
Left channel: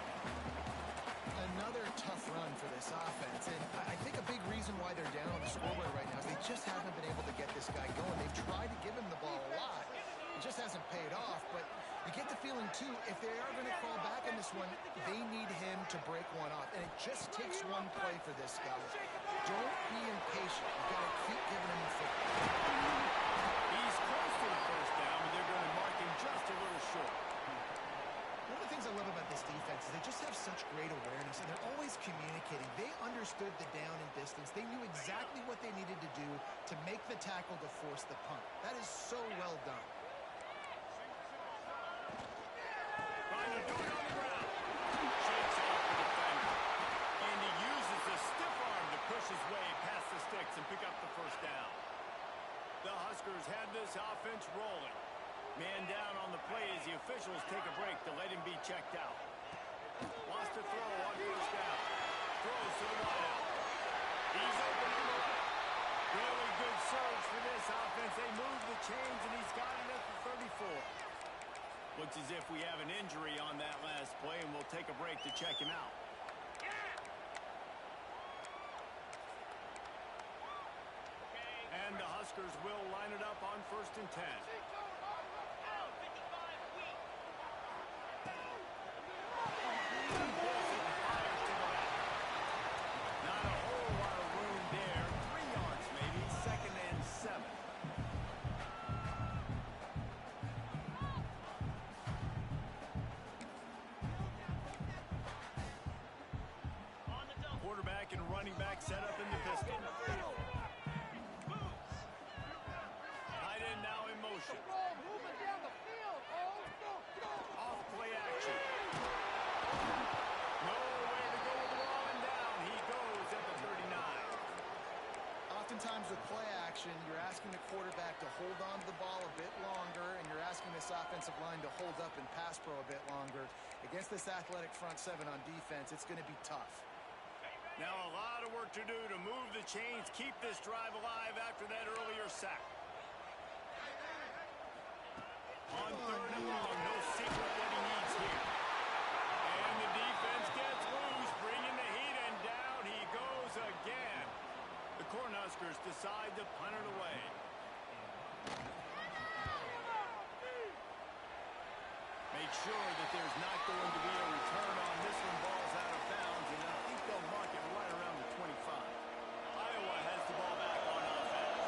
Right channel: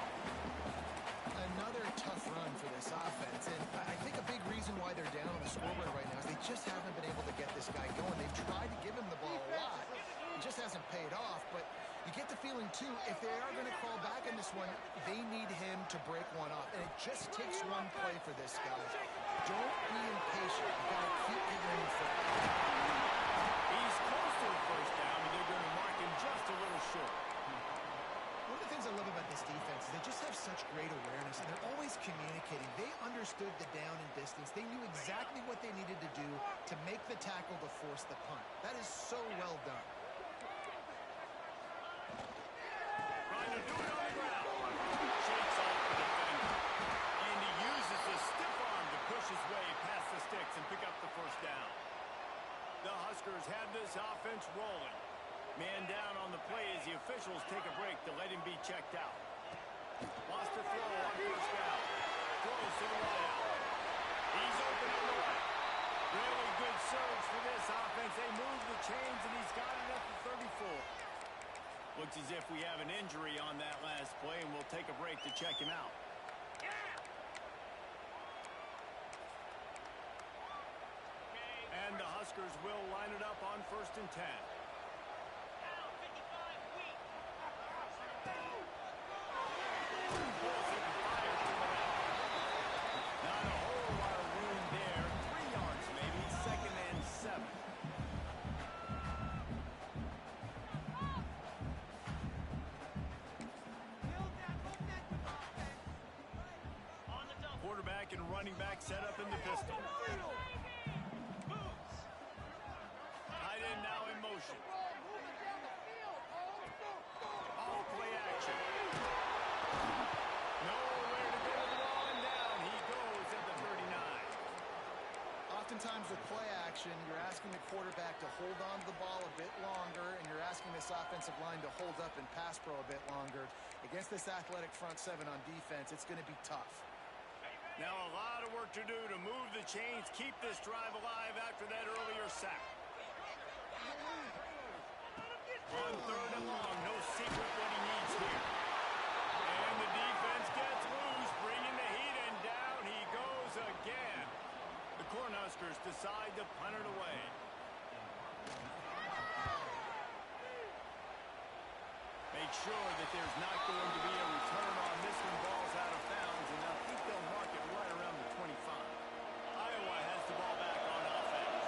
Another tough run for this offense, and I think a big reason why they're down on the scoreboard right now is they just haven't been able to get this guy going. They've tried to give him the ball a lot. It just hasn't paid off, but you get the feeling, too, if they are going to crawl back in this one, they need him to break one off, and it just takes one play for this guy. Don't be impatient. You've got to keep giving him the football. He's close to the first down, but they're going to mark him just a little short. One of the things I love about this defense is they just have such great awareness, and they're always communicating. They understood the down and distance. They knew exactly what they needed to do to make the tackle to force the punt. That is so well done. Trying to do it on the ground. Shakes off the defender. And he uses a stiff arm to push his way past the sticks and pick up the first down. The Huskers had this offense rolling. Man down on the play as the officials take a break to let him be checked out. Wants to throw on first down. Throws to the wideout. He's open on the right. Really good surge for this offense. They move the chains, and he's got it at the 34. Looks as if we have an injury on that last play, and we'll take a break to check him out. And the Huskers will line it up on 1st and 10. Not a whole lot of room there. 3 yards maybe. 2nd and 7. Quarterback and running back set up in the pistol. Tight end now in motion. Off play action. Nowhere to go with the ball, and down he goes at the 39. Oftentimes with play action, you're asking the quarterback to hold on to the ball a bit longer, and you're asking this offensive line to hold up in pass pro a bit longer. Against this athletic front seven on defense, it's going to be tough. Now a lot of work to do to move the chains, keep this drive alive after that earlier sack. On 3rd and long, no secret what he needs here. And the defense gets loose, bringing the heat, and down he goes again. The Cornhuskers decide to punt it away. Make sure that there's not going to be a return on this one. Ball's out of bounds, and I think they'll mark it right around the 25. Iowa has the ball back on offense.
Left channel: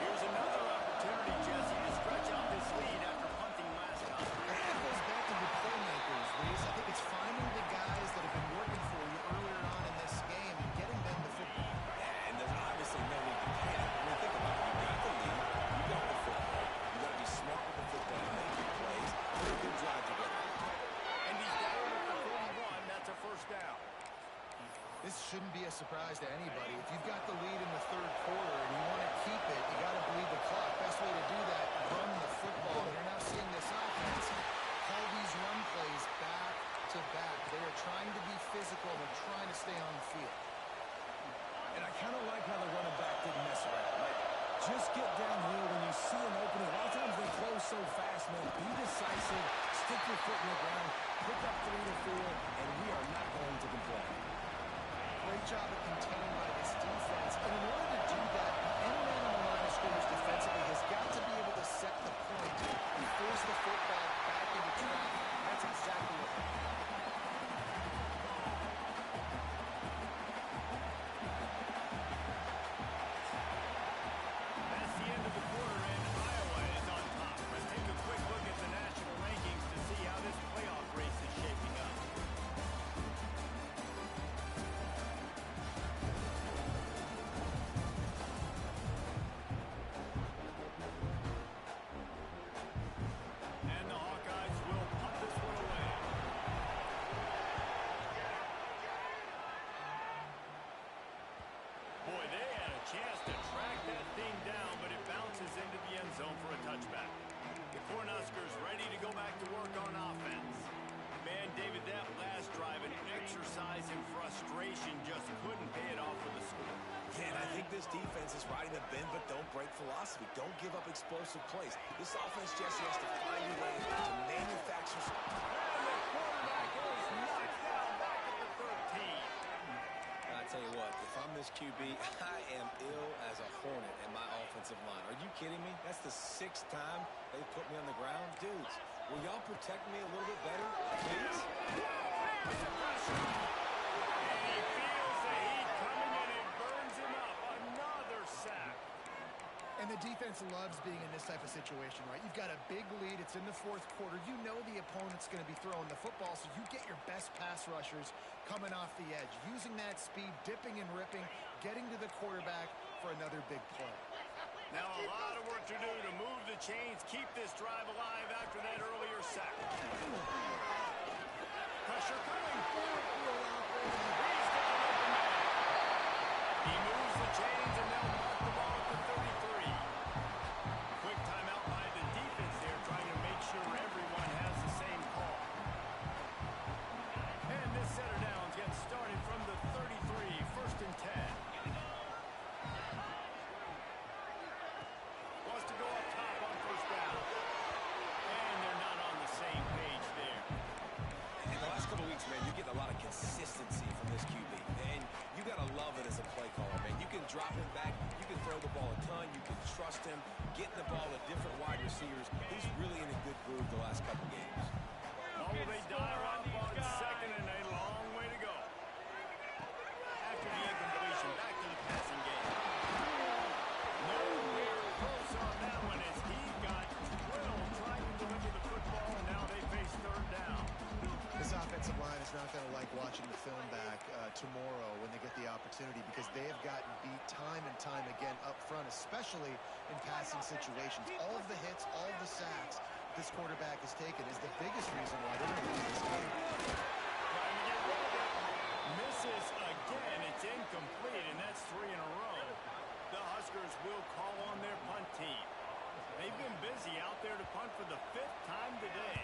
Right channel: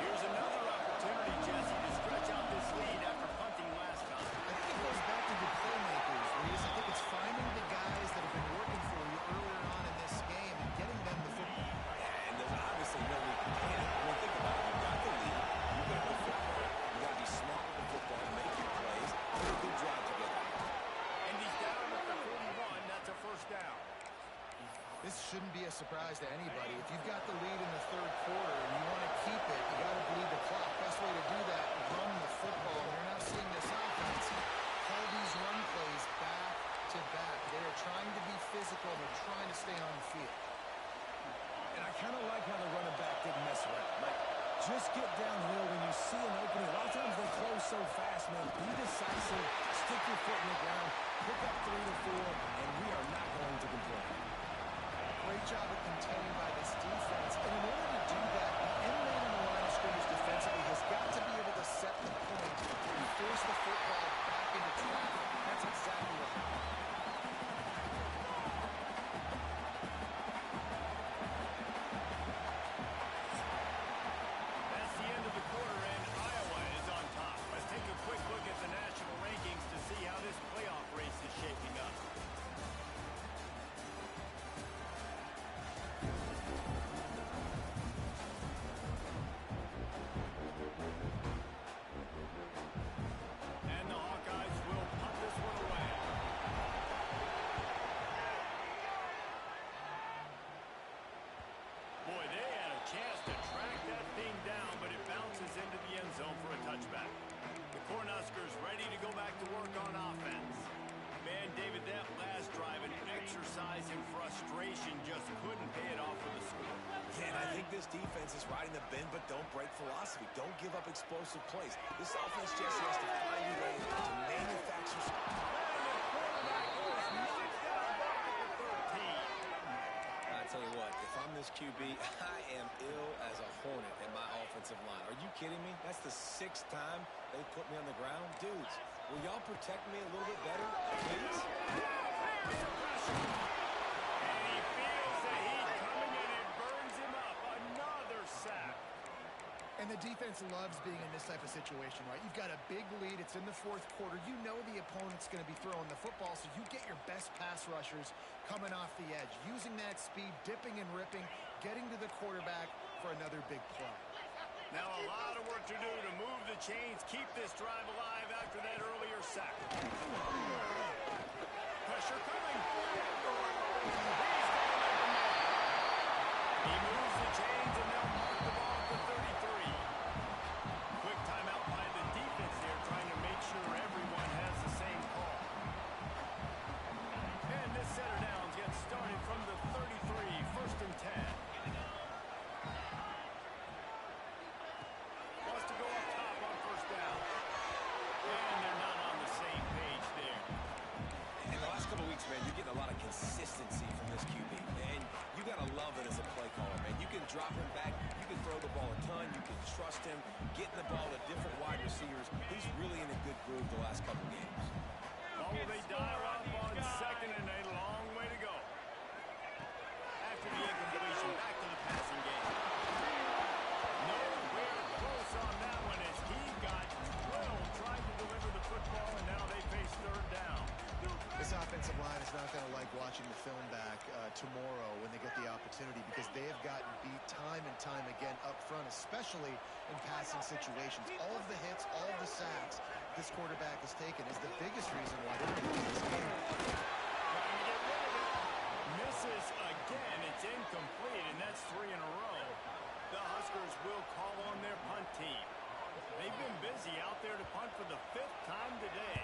Here's another opportunity, Jesse, to stretch out this lead after punting last time. I think it goes back to the playmakers, Reese. I think it's finding the guys that have been working for you earlier on in this game and getting them the football. Yeah, and there's obviously no need to panic. I mean, think about it. You've got the lead. You've got the football. You've got to be smart with the football and make your plays. Put a good drive together. And he's down at the 41. That's a first down. This shouldn't be a surprise to anybody. If you've got the lead in the 3rd quarter and you want to keep it, you got to bleed the clock. Best way to do that, run the football. And you're now seeing this offense call these run plays back to back. They are trying to be physical. They're trying to stay on the field. And I kind of like how the running back didn't mess around. Like, just get downhill when you see an opening. A lot of times they close so fast, man. Be decisive. Stick your foot in the ground. Pick up 3 to 4, and we are not going to complain. Great job of containing by this defense. And in order to do that, the end man on the line of scrimmage defensively has got to be able to set the point and force the football back into traffic. That's exactly what happened. That's the end of the quarter, and Iowa is on top. Let's take a quick look at the national rankings to see how this playoff race is shaping up. chance to track that thing down, but it bounces into the end zone for a touchback. The Cornhuskers ready to go back to work on offense. Man, David, that last drive, an exercise in frustration, just couldn't pay it off with a score. Yeah, and I think this defense is riding the bend but don't break philosophy. Don't give up explosive plays. This offense, Jesse, has to find a way to manufacture. And the quarterback is knocked down back at the 13. I tell you what, if I'm this QB, I am ill as a hornet at my offensive line. Are you kidding me? That's the 6th time they've put me on the ground. Dudes, will y'all protect me a little bit better, please? There's the pressure. And he feels the heat coming and it burns him up. Another sack. And the defense loves being in this type of situation, right? You've got a big lead. It's in the 4th quarter. You know the opponent's going to be throwing the football, so you get your best pass rushers coming off the edge, using that speed, dipping and ripping, getting to the quarterback for another big play. Now a lot of work to do to move the chains, keep this drive alive after that earlier sack. Pressure coming. He's got an open man. He moves the chains and they'll mark the ball at the 33. Quick timeout by the defense there, trying to make sure everyone has the same call. And this set of downs gets started from the 33, 1st and 10. Wants to go up top on 1st down. And they're not on the same page there. In the last couple of weeks, man, you're getting a lot of consistency from this QB. And you got to love it as a play caller, man. You can drop him back. You can throw the ball a ton. You can trust him. Getting the ball to different wide receivers. He's really in a good groove the last couple games. Oh, they dial up on 2nd and a long way to go. After the incompletion, back to the passing game. Nowhere close on that one as he got drilled trying to deliver the football, and now they face 3rd down. This offensive line is not going to like watching the film back tomorrow when they get the opportunity, because they have gotten beat time and time again up front, especially in passing situations. All of the hits, all of the sacks this quarterback has taken is the biggest reason why they're going to lose this game. Trying to get rid of it. Misses again. It's incomplete, and that's 3 in a row. The Huskers will call on their punt team. They've been busy out there to punt for the 5th time today.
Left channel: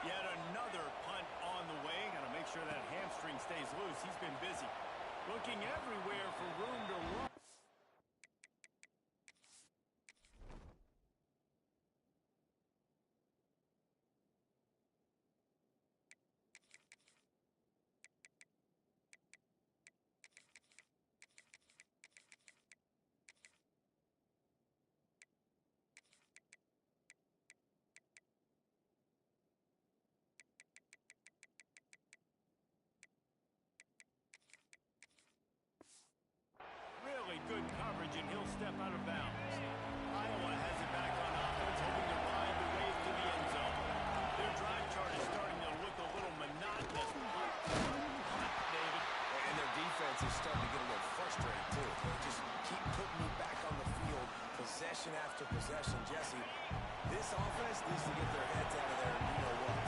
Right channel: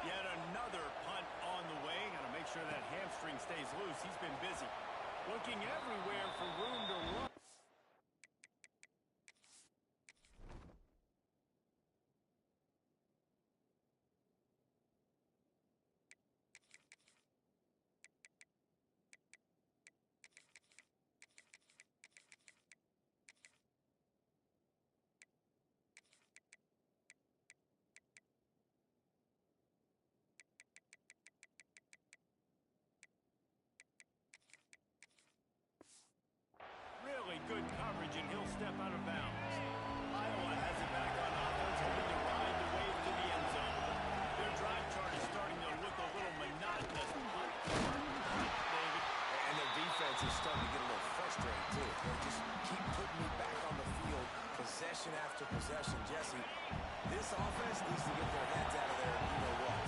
Yet another punt on the way. Got to make sure that hamstring stays loose. He's been busy. Looking everywhere for room to run. Really good coverage, and he'll step out of bounds. Iowa has it back on offense, hoping to ride the wave to the end zone. Their drive chart is starting to look a little monotonous. Punt, David. And their defense is starting to get a little frustrated, too. They just keep putting me back on the field, possession after possession. Jesse, this offense needs to get their heads out of there, you-know-what.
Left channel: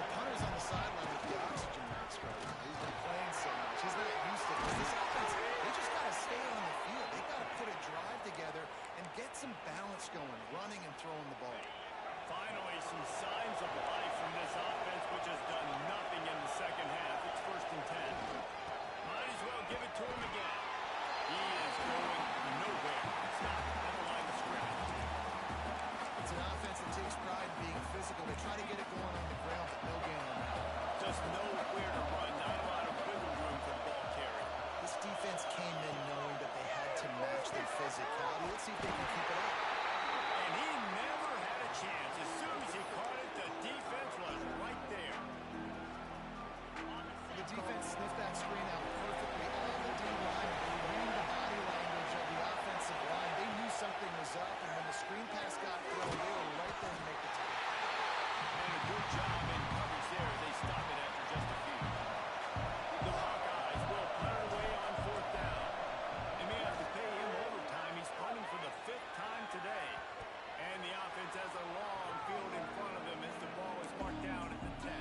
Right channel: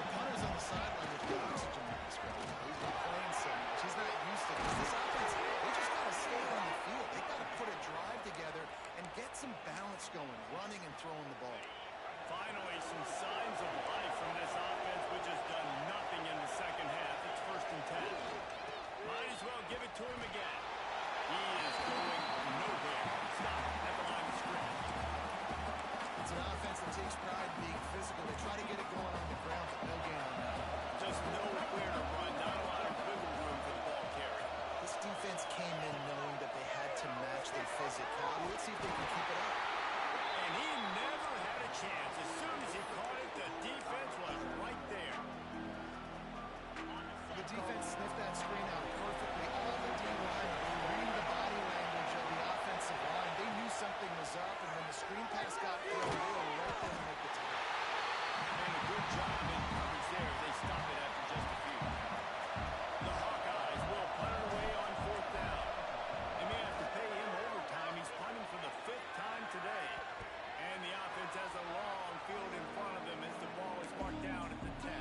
The punter's on the sideline with the oxygen mask right now. He's been playing so much. He's not used to this. This offense, they just got to stay on the field. They got to put a drive together and get some balance going, running and throwing the ball. Finally, some signs of life from this offense, which has done nothing in the second half. It's 1st and 10. Might as well give it to him again. He is going nowhere. Stop at the line of scrimmage. It's an offense that takes pride in being physical. They try to get it going on the ground, but no gain on that. Just nowhere to run. Not a lot of wiggle room for the ball carry. This defense came in knowing that they had to match their physicality. Let's see if they can keep it up. And he never had a chance. As soon as he caught it, the defense was right there. The defense sniffed that screen out perfectly. All the D-line reading the body language of the offensive line. They knew something was up, and when the screen pass got thrown, they were right there to make the tackle. And a good job in coverage there. They stop it after just a few. The Hawkeyes will punt it away on 4th down. They may have to pay him overtime. He's punting for the 5th time today. And the offense has a long field in front of them as the ball is marked down at the 10.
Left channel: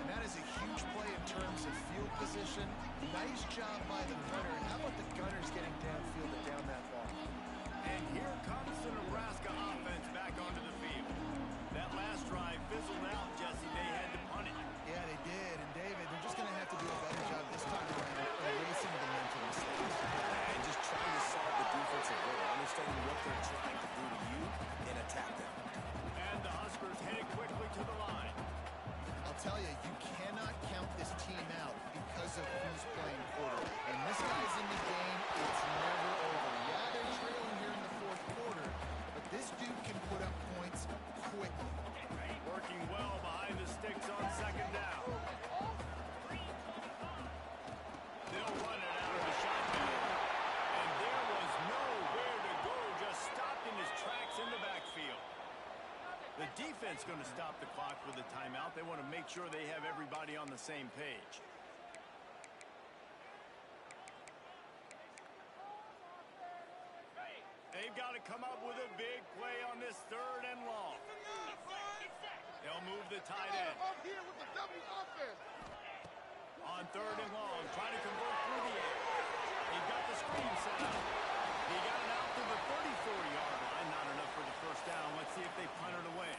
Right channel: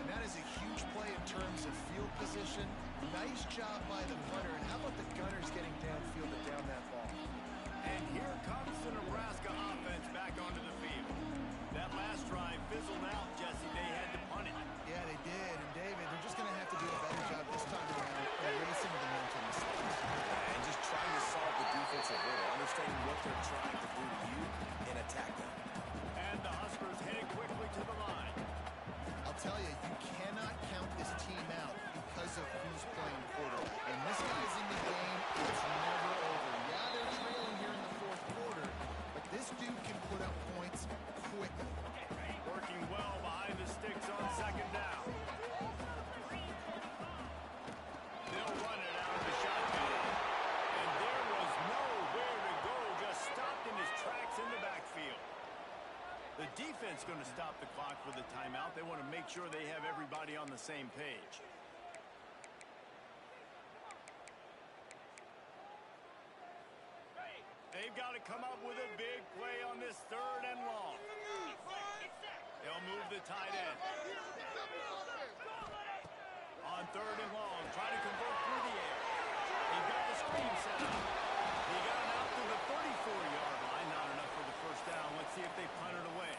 And that is a huge play in terms of field position. Nice job by the punter. And how about the Gunners getting downfield back onto the field. That last drive fizzled out, Jesse. They had to punt it. Yeah, they did. And, David, they're just going to have to do a better job this time around erasing the mental mistakes. And just trying to solve the defensive riddle, understanding what they're trying to do to you and attack them. And the Huskers headed quickly to the line. I'll tell you, you cannot count this team out because of who's playing quarterback. And this guy's in the game, it's never over. Yeah, they're trailing here in the fourth quarter, but this dude can put up points quickly. Working well behind the sticks on second down. They'll run it out of the shotgun. And there was nowhere to go, just stopped in his tracks in the backfield. The defense going to stop the clock with a timeout. They want to make sure they have everybody on the same page. They've got to come up with a big play on this third and long. They'll move the tight end. On third and long, trying to convert through the air. He got the screen set up. He got it out to the 34-yard line. Not enough for the first down. Let's see if they punt it away.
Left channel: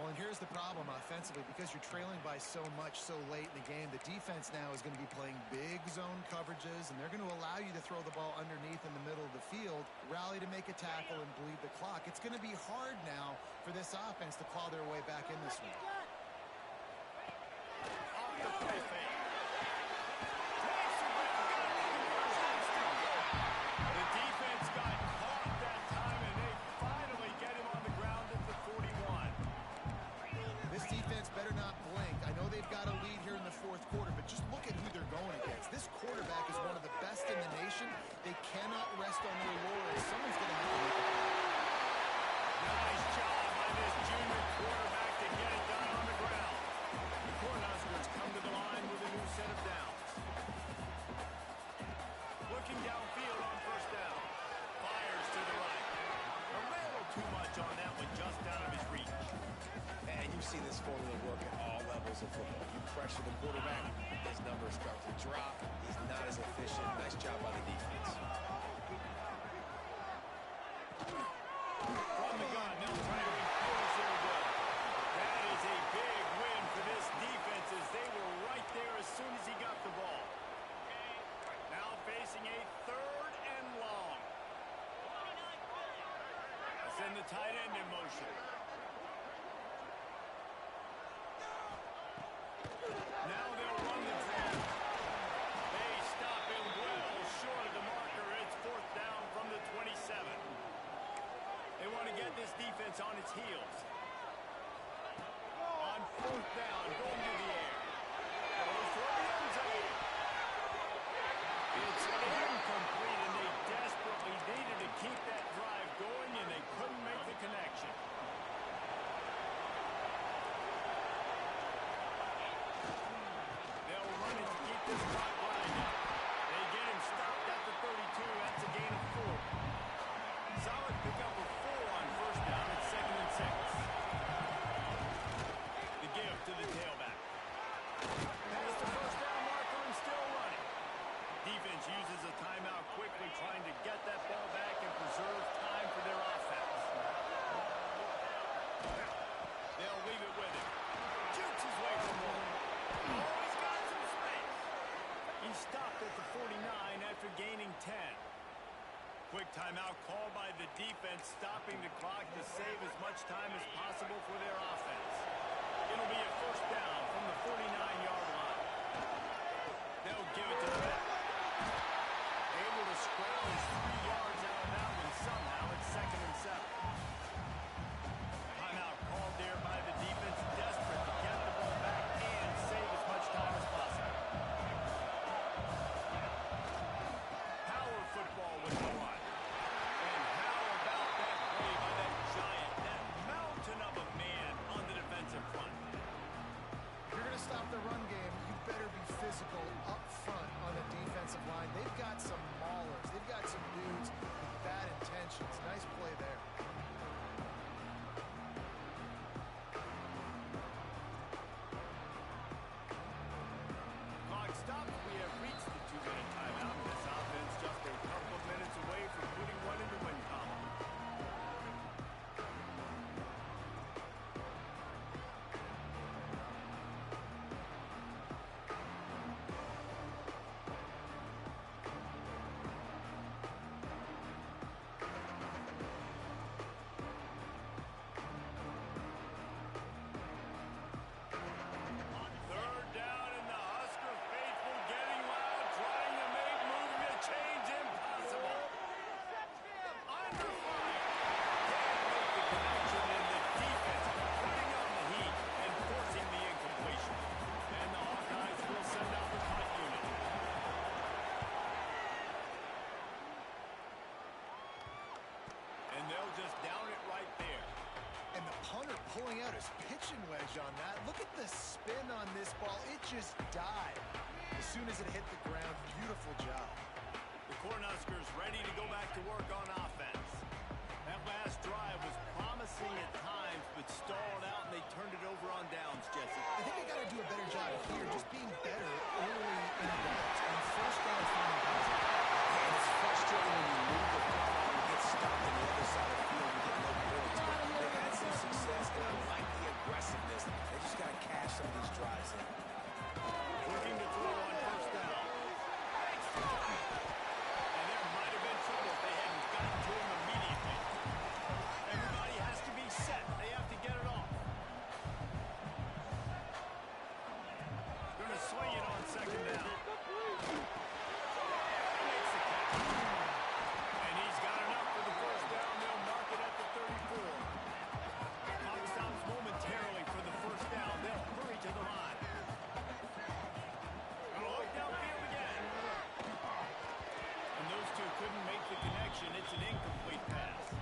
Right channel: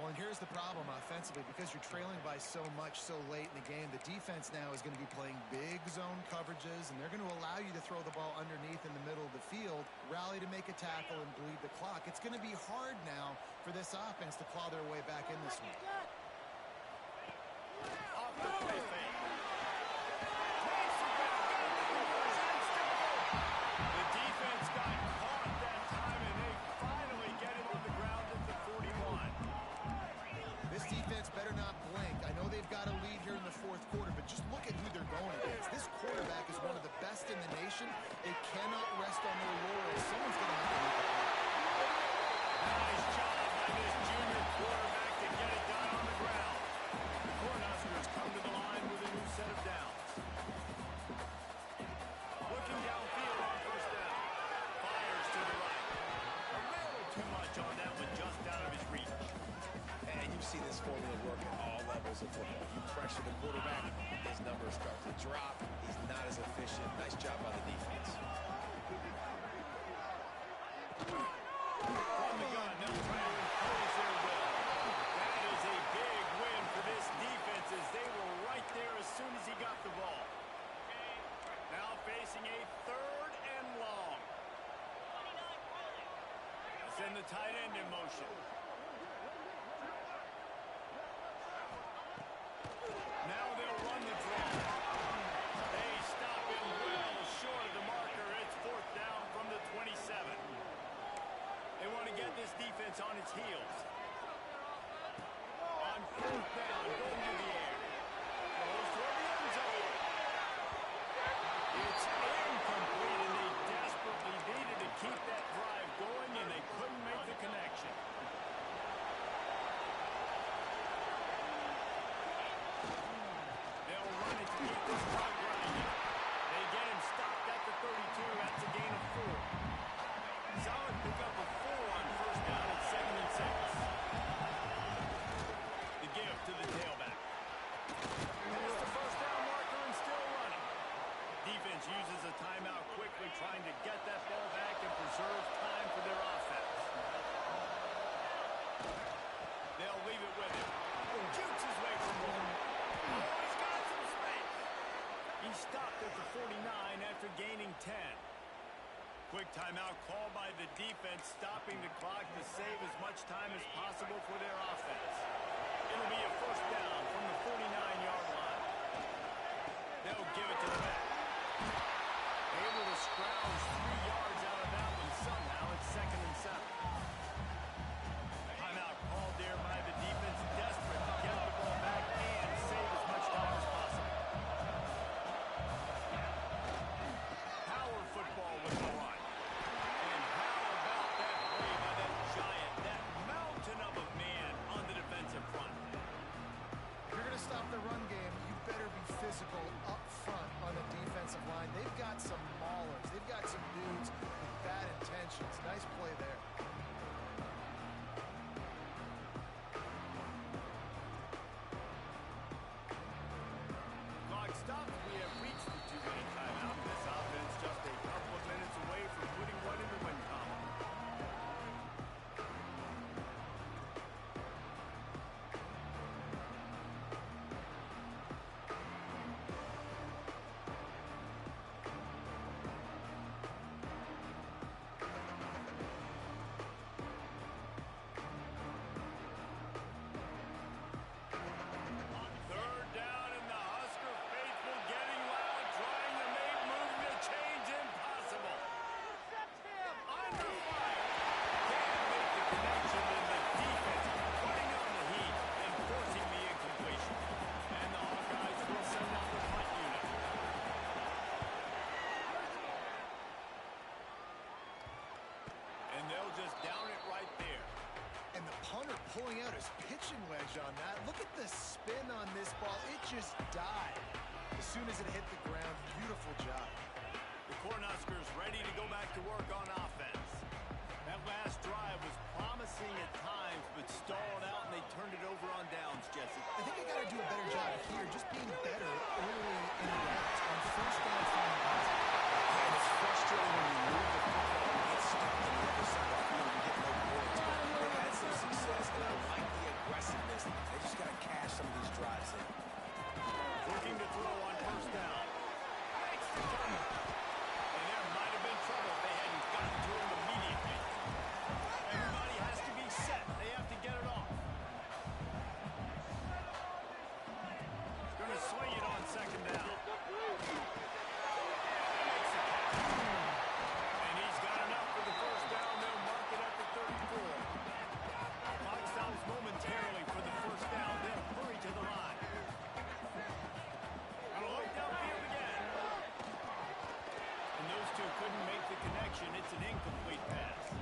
Well, and here's the problem offensively. Because you're trailing by so much so late in the game, the defense now is going to be playing big zone coverages, and they're going to allow you to throw the ball underneath in the middle of the field, rally to make a tackle, and bleed the clock. It's going to be hard now for this offense to claw their way back in this one. Off the play fake. Takes the ground, got the conversion, still good. The defense got caught that time, and they finally get him on the ground at the 41. This defense better not blink. I know they've got a lead here in the fourth quarter, but just look at who they're going against. This quarterback is one of the best in the nation. They cannot rest on their laurels. Someone's going to have to make a play. Nice job by this junior quarterback to get it done on the ground. The Cornhuskers come to the line with a new set of downs. Looking downfield on first down. Fires to the right. A little too much on that one, just out of his reach. And you see this formula work at all levels of football. You pressure the quarterback, his numbers start to drop. He's not as efficient. Nice job by the defense. From the gun, they'll try to impose their will. That is a big win for this defense as they were right there as soon as he got the ball. Now facing a third and long. Send the tight end in motion. Now they'll run the draw. They stop him well short of the marker. It's fourth down from the 27. They want to get this defense on its heels. On fourth down, going to the air. Goes toward the end zone. It's incomplete, and they desperately needed to keep that drive going, and they couldn't make the connection. They'll run it to keep this clock grinding. They get him stopped at the 32. That's a gain of 4. Solid pickup of 4 on first down. It's 2nd and 6. The give to the tailback. Past the first down marker and still running. Defense uses a timeout quickly, trying to get that ball back and preserve time for their offense. They'll leave it with him. Jukes his way for more. Oh, he's got some space. He stopped at the 49 after gaining 10. Quick timeout called by the defense, stopping the clock to save as much time as possible for their offense. It'll be a first down from the 49-yard line. They'll give it to the back. Able to scrounge 3 yards out of that one somehow. It's 2nd and 7. Timeout called there by the defense, desperate to get the ball back and save as much time as possible. Power football with the run. And how about that play by that giant, that mountain of a man on the defensive front? If you're going to stop the run game, you better be physical up front on the defensive line. They've got some maulers. They've got some dudes with bad intentions. Nice play there. they'll just down it right there. And the punter pulling out his pitching wedge on that. Look at the spin on this ball. It just died as soon as it hit the ground. Beautiful job. The Cornhuskers ready to go back to work on offense. That last drive was promising at times, but stalled out, and they turned it over on downs, Jesse. I think they got to do a better job here, just being better early in the routes on first down finding positive. Yeah, and it's frustrating when you move the football and get stopped on the other side of the field. You get no points. But they've had some success, and I like the aggressiveness. They just got to cash some of these drives in. Looking to throw on first down. Makes the play. And there might have been trouble if they hadn't gotten to him immediately. Everybody has to be set. They have to get it off. Going to swing it on second down. Makes the catch. And he's got enough for the first down. They'll mark it at the 34. Clock stops momentarily for the first down. They'll hurry to the line. Gonna look downfield again. And those two couldn't make the connection. It's an incomplete pass.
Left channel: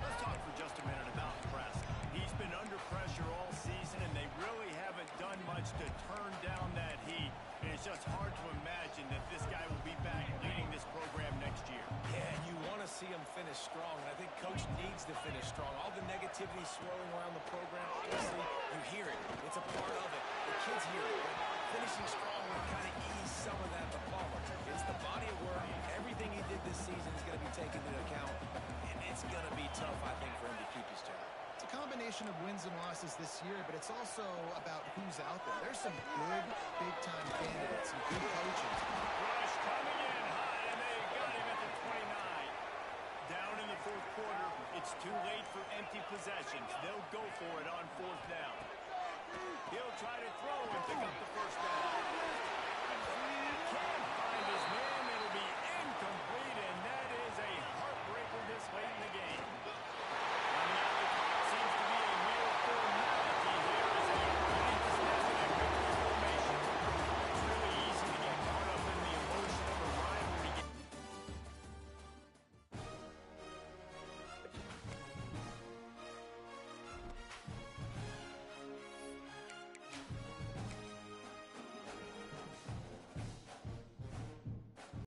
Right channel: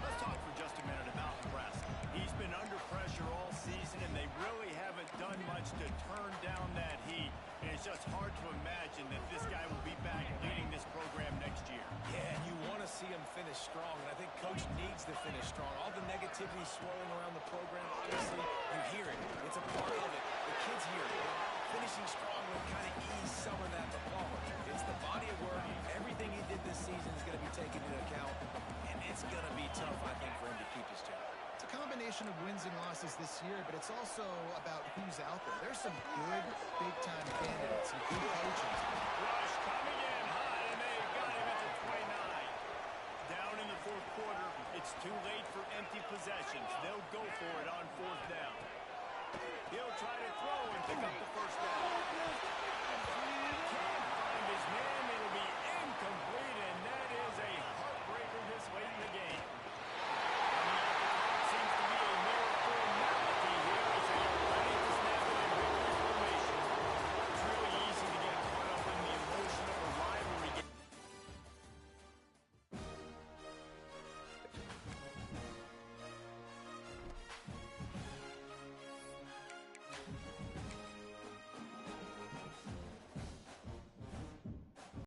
Let's talk for just a minute about Nebraska. He's been under pressure all season, and they really haven't done much to turn down that heat. And it's just hard to imagine that this guy will be back leading this program next year. Yeah, and you want to see him finish strong, and I think Coach needs to finish strong. All the negativity swirling around the program, obviously, you hear it. It's a part of it. The kids hear it. Finishing strong will kind of ease some of that to Palmer. It's the body of work. Everything he did this season is going to be taken into account, and it's going to be tough, I think, for him to keep his job. It's a combination of wins and losses this year, but it's also about who's out there. There's some good big-time candidates, some good coaches. Rush coming in hot, and they got him at the 29. Down in the fourth quarter, it's too late for empty possessions. They'll go for it on fourth down. He'll try to throw and pick up the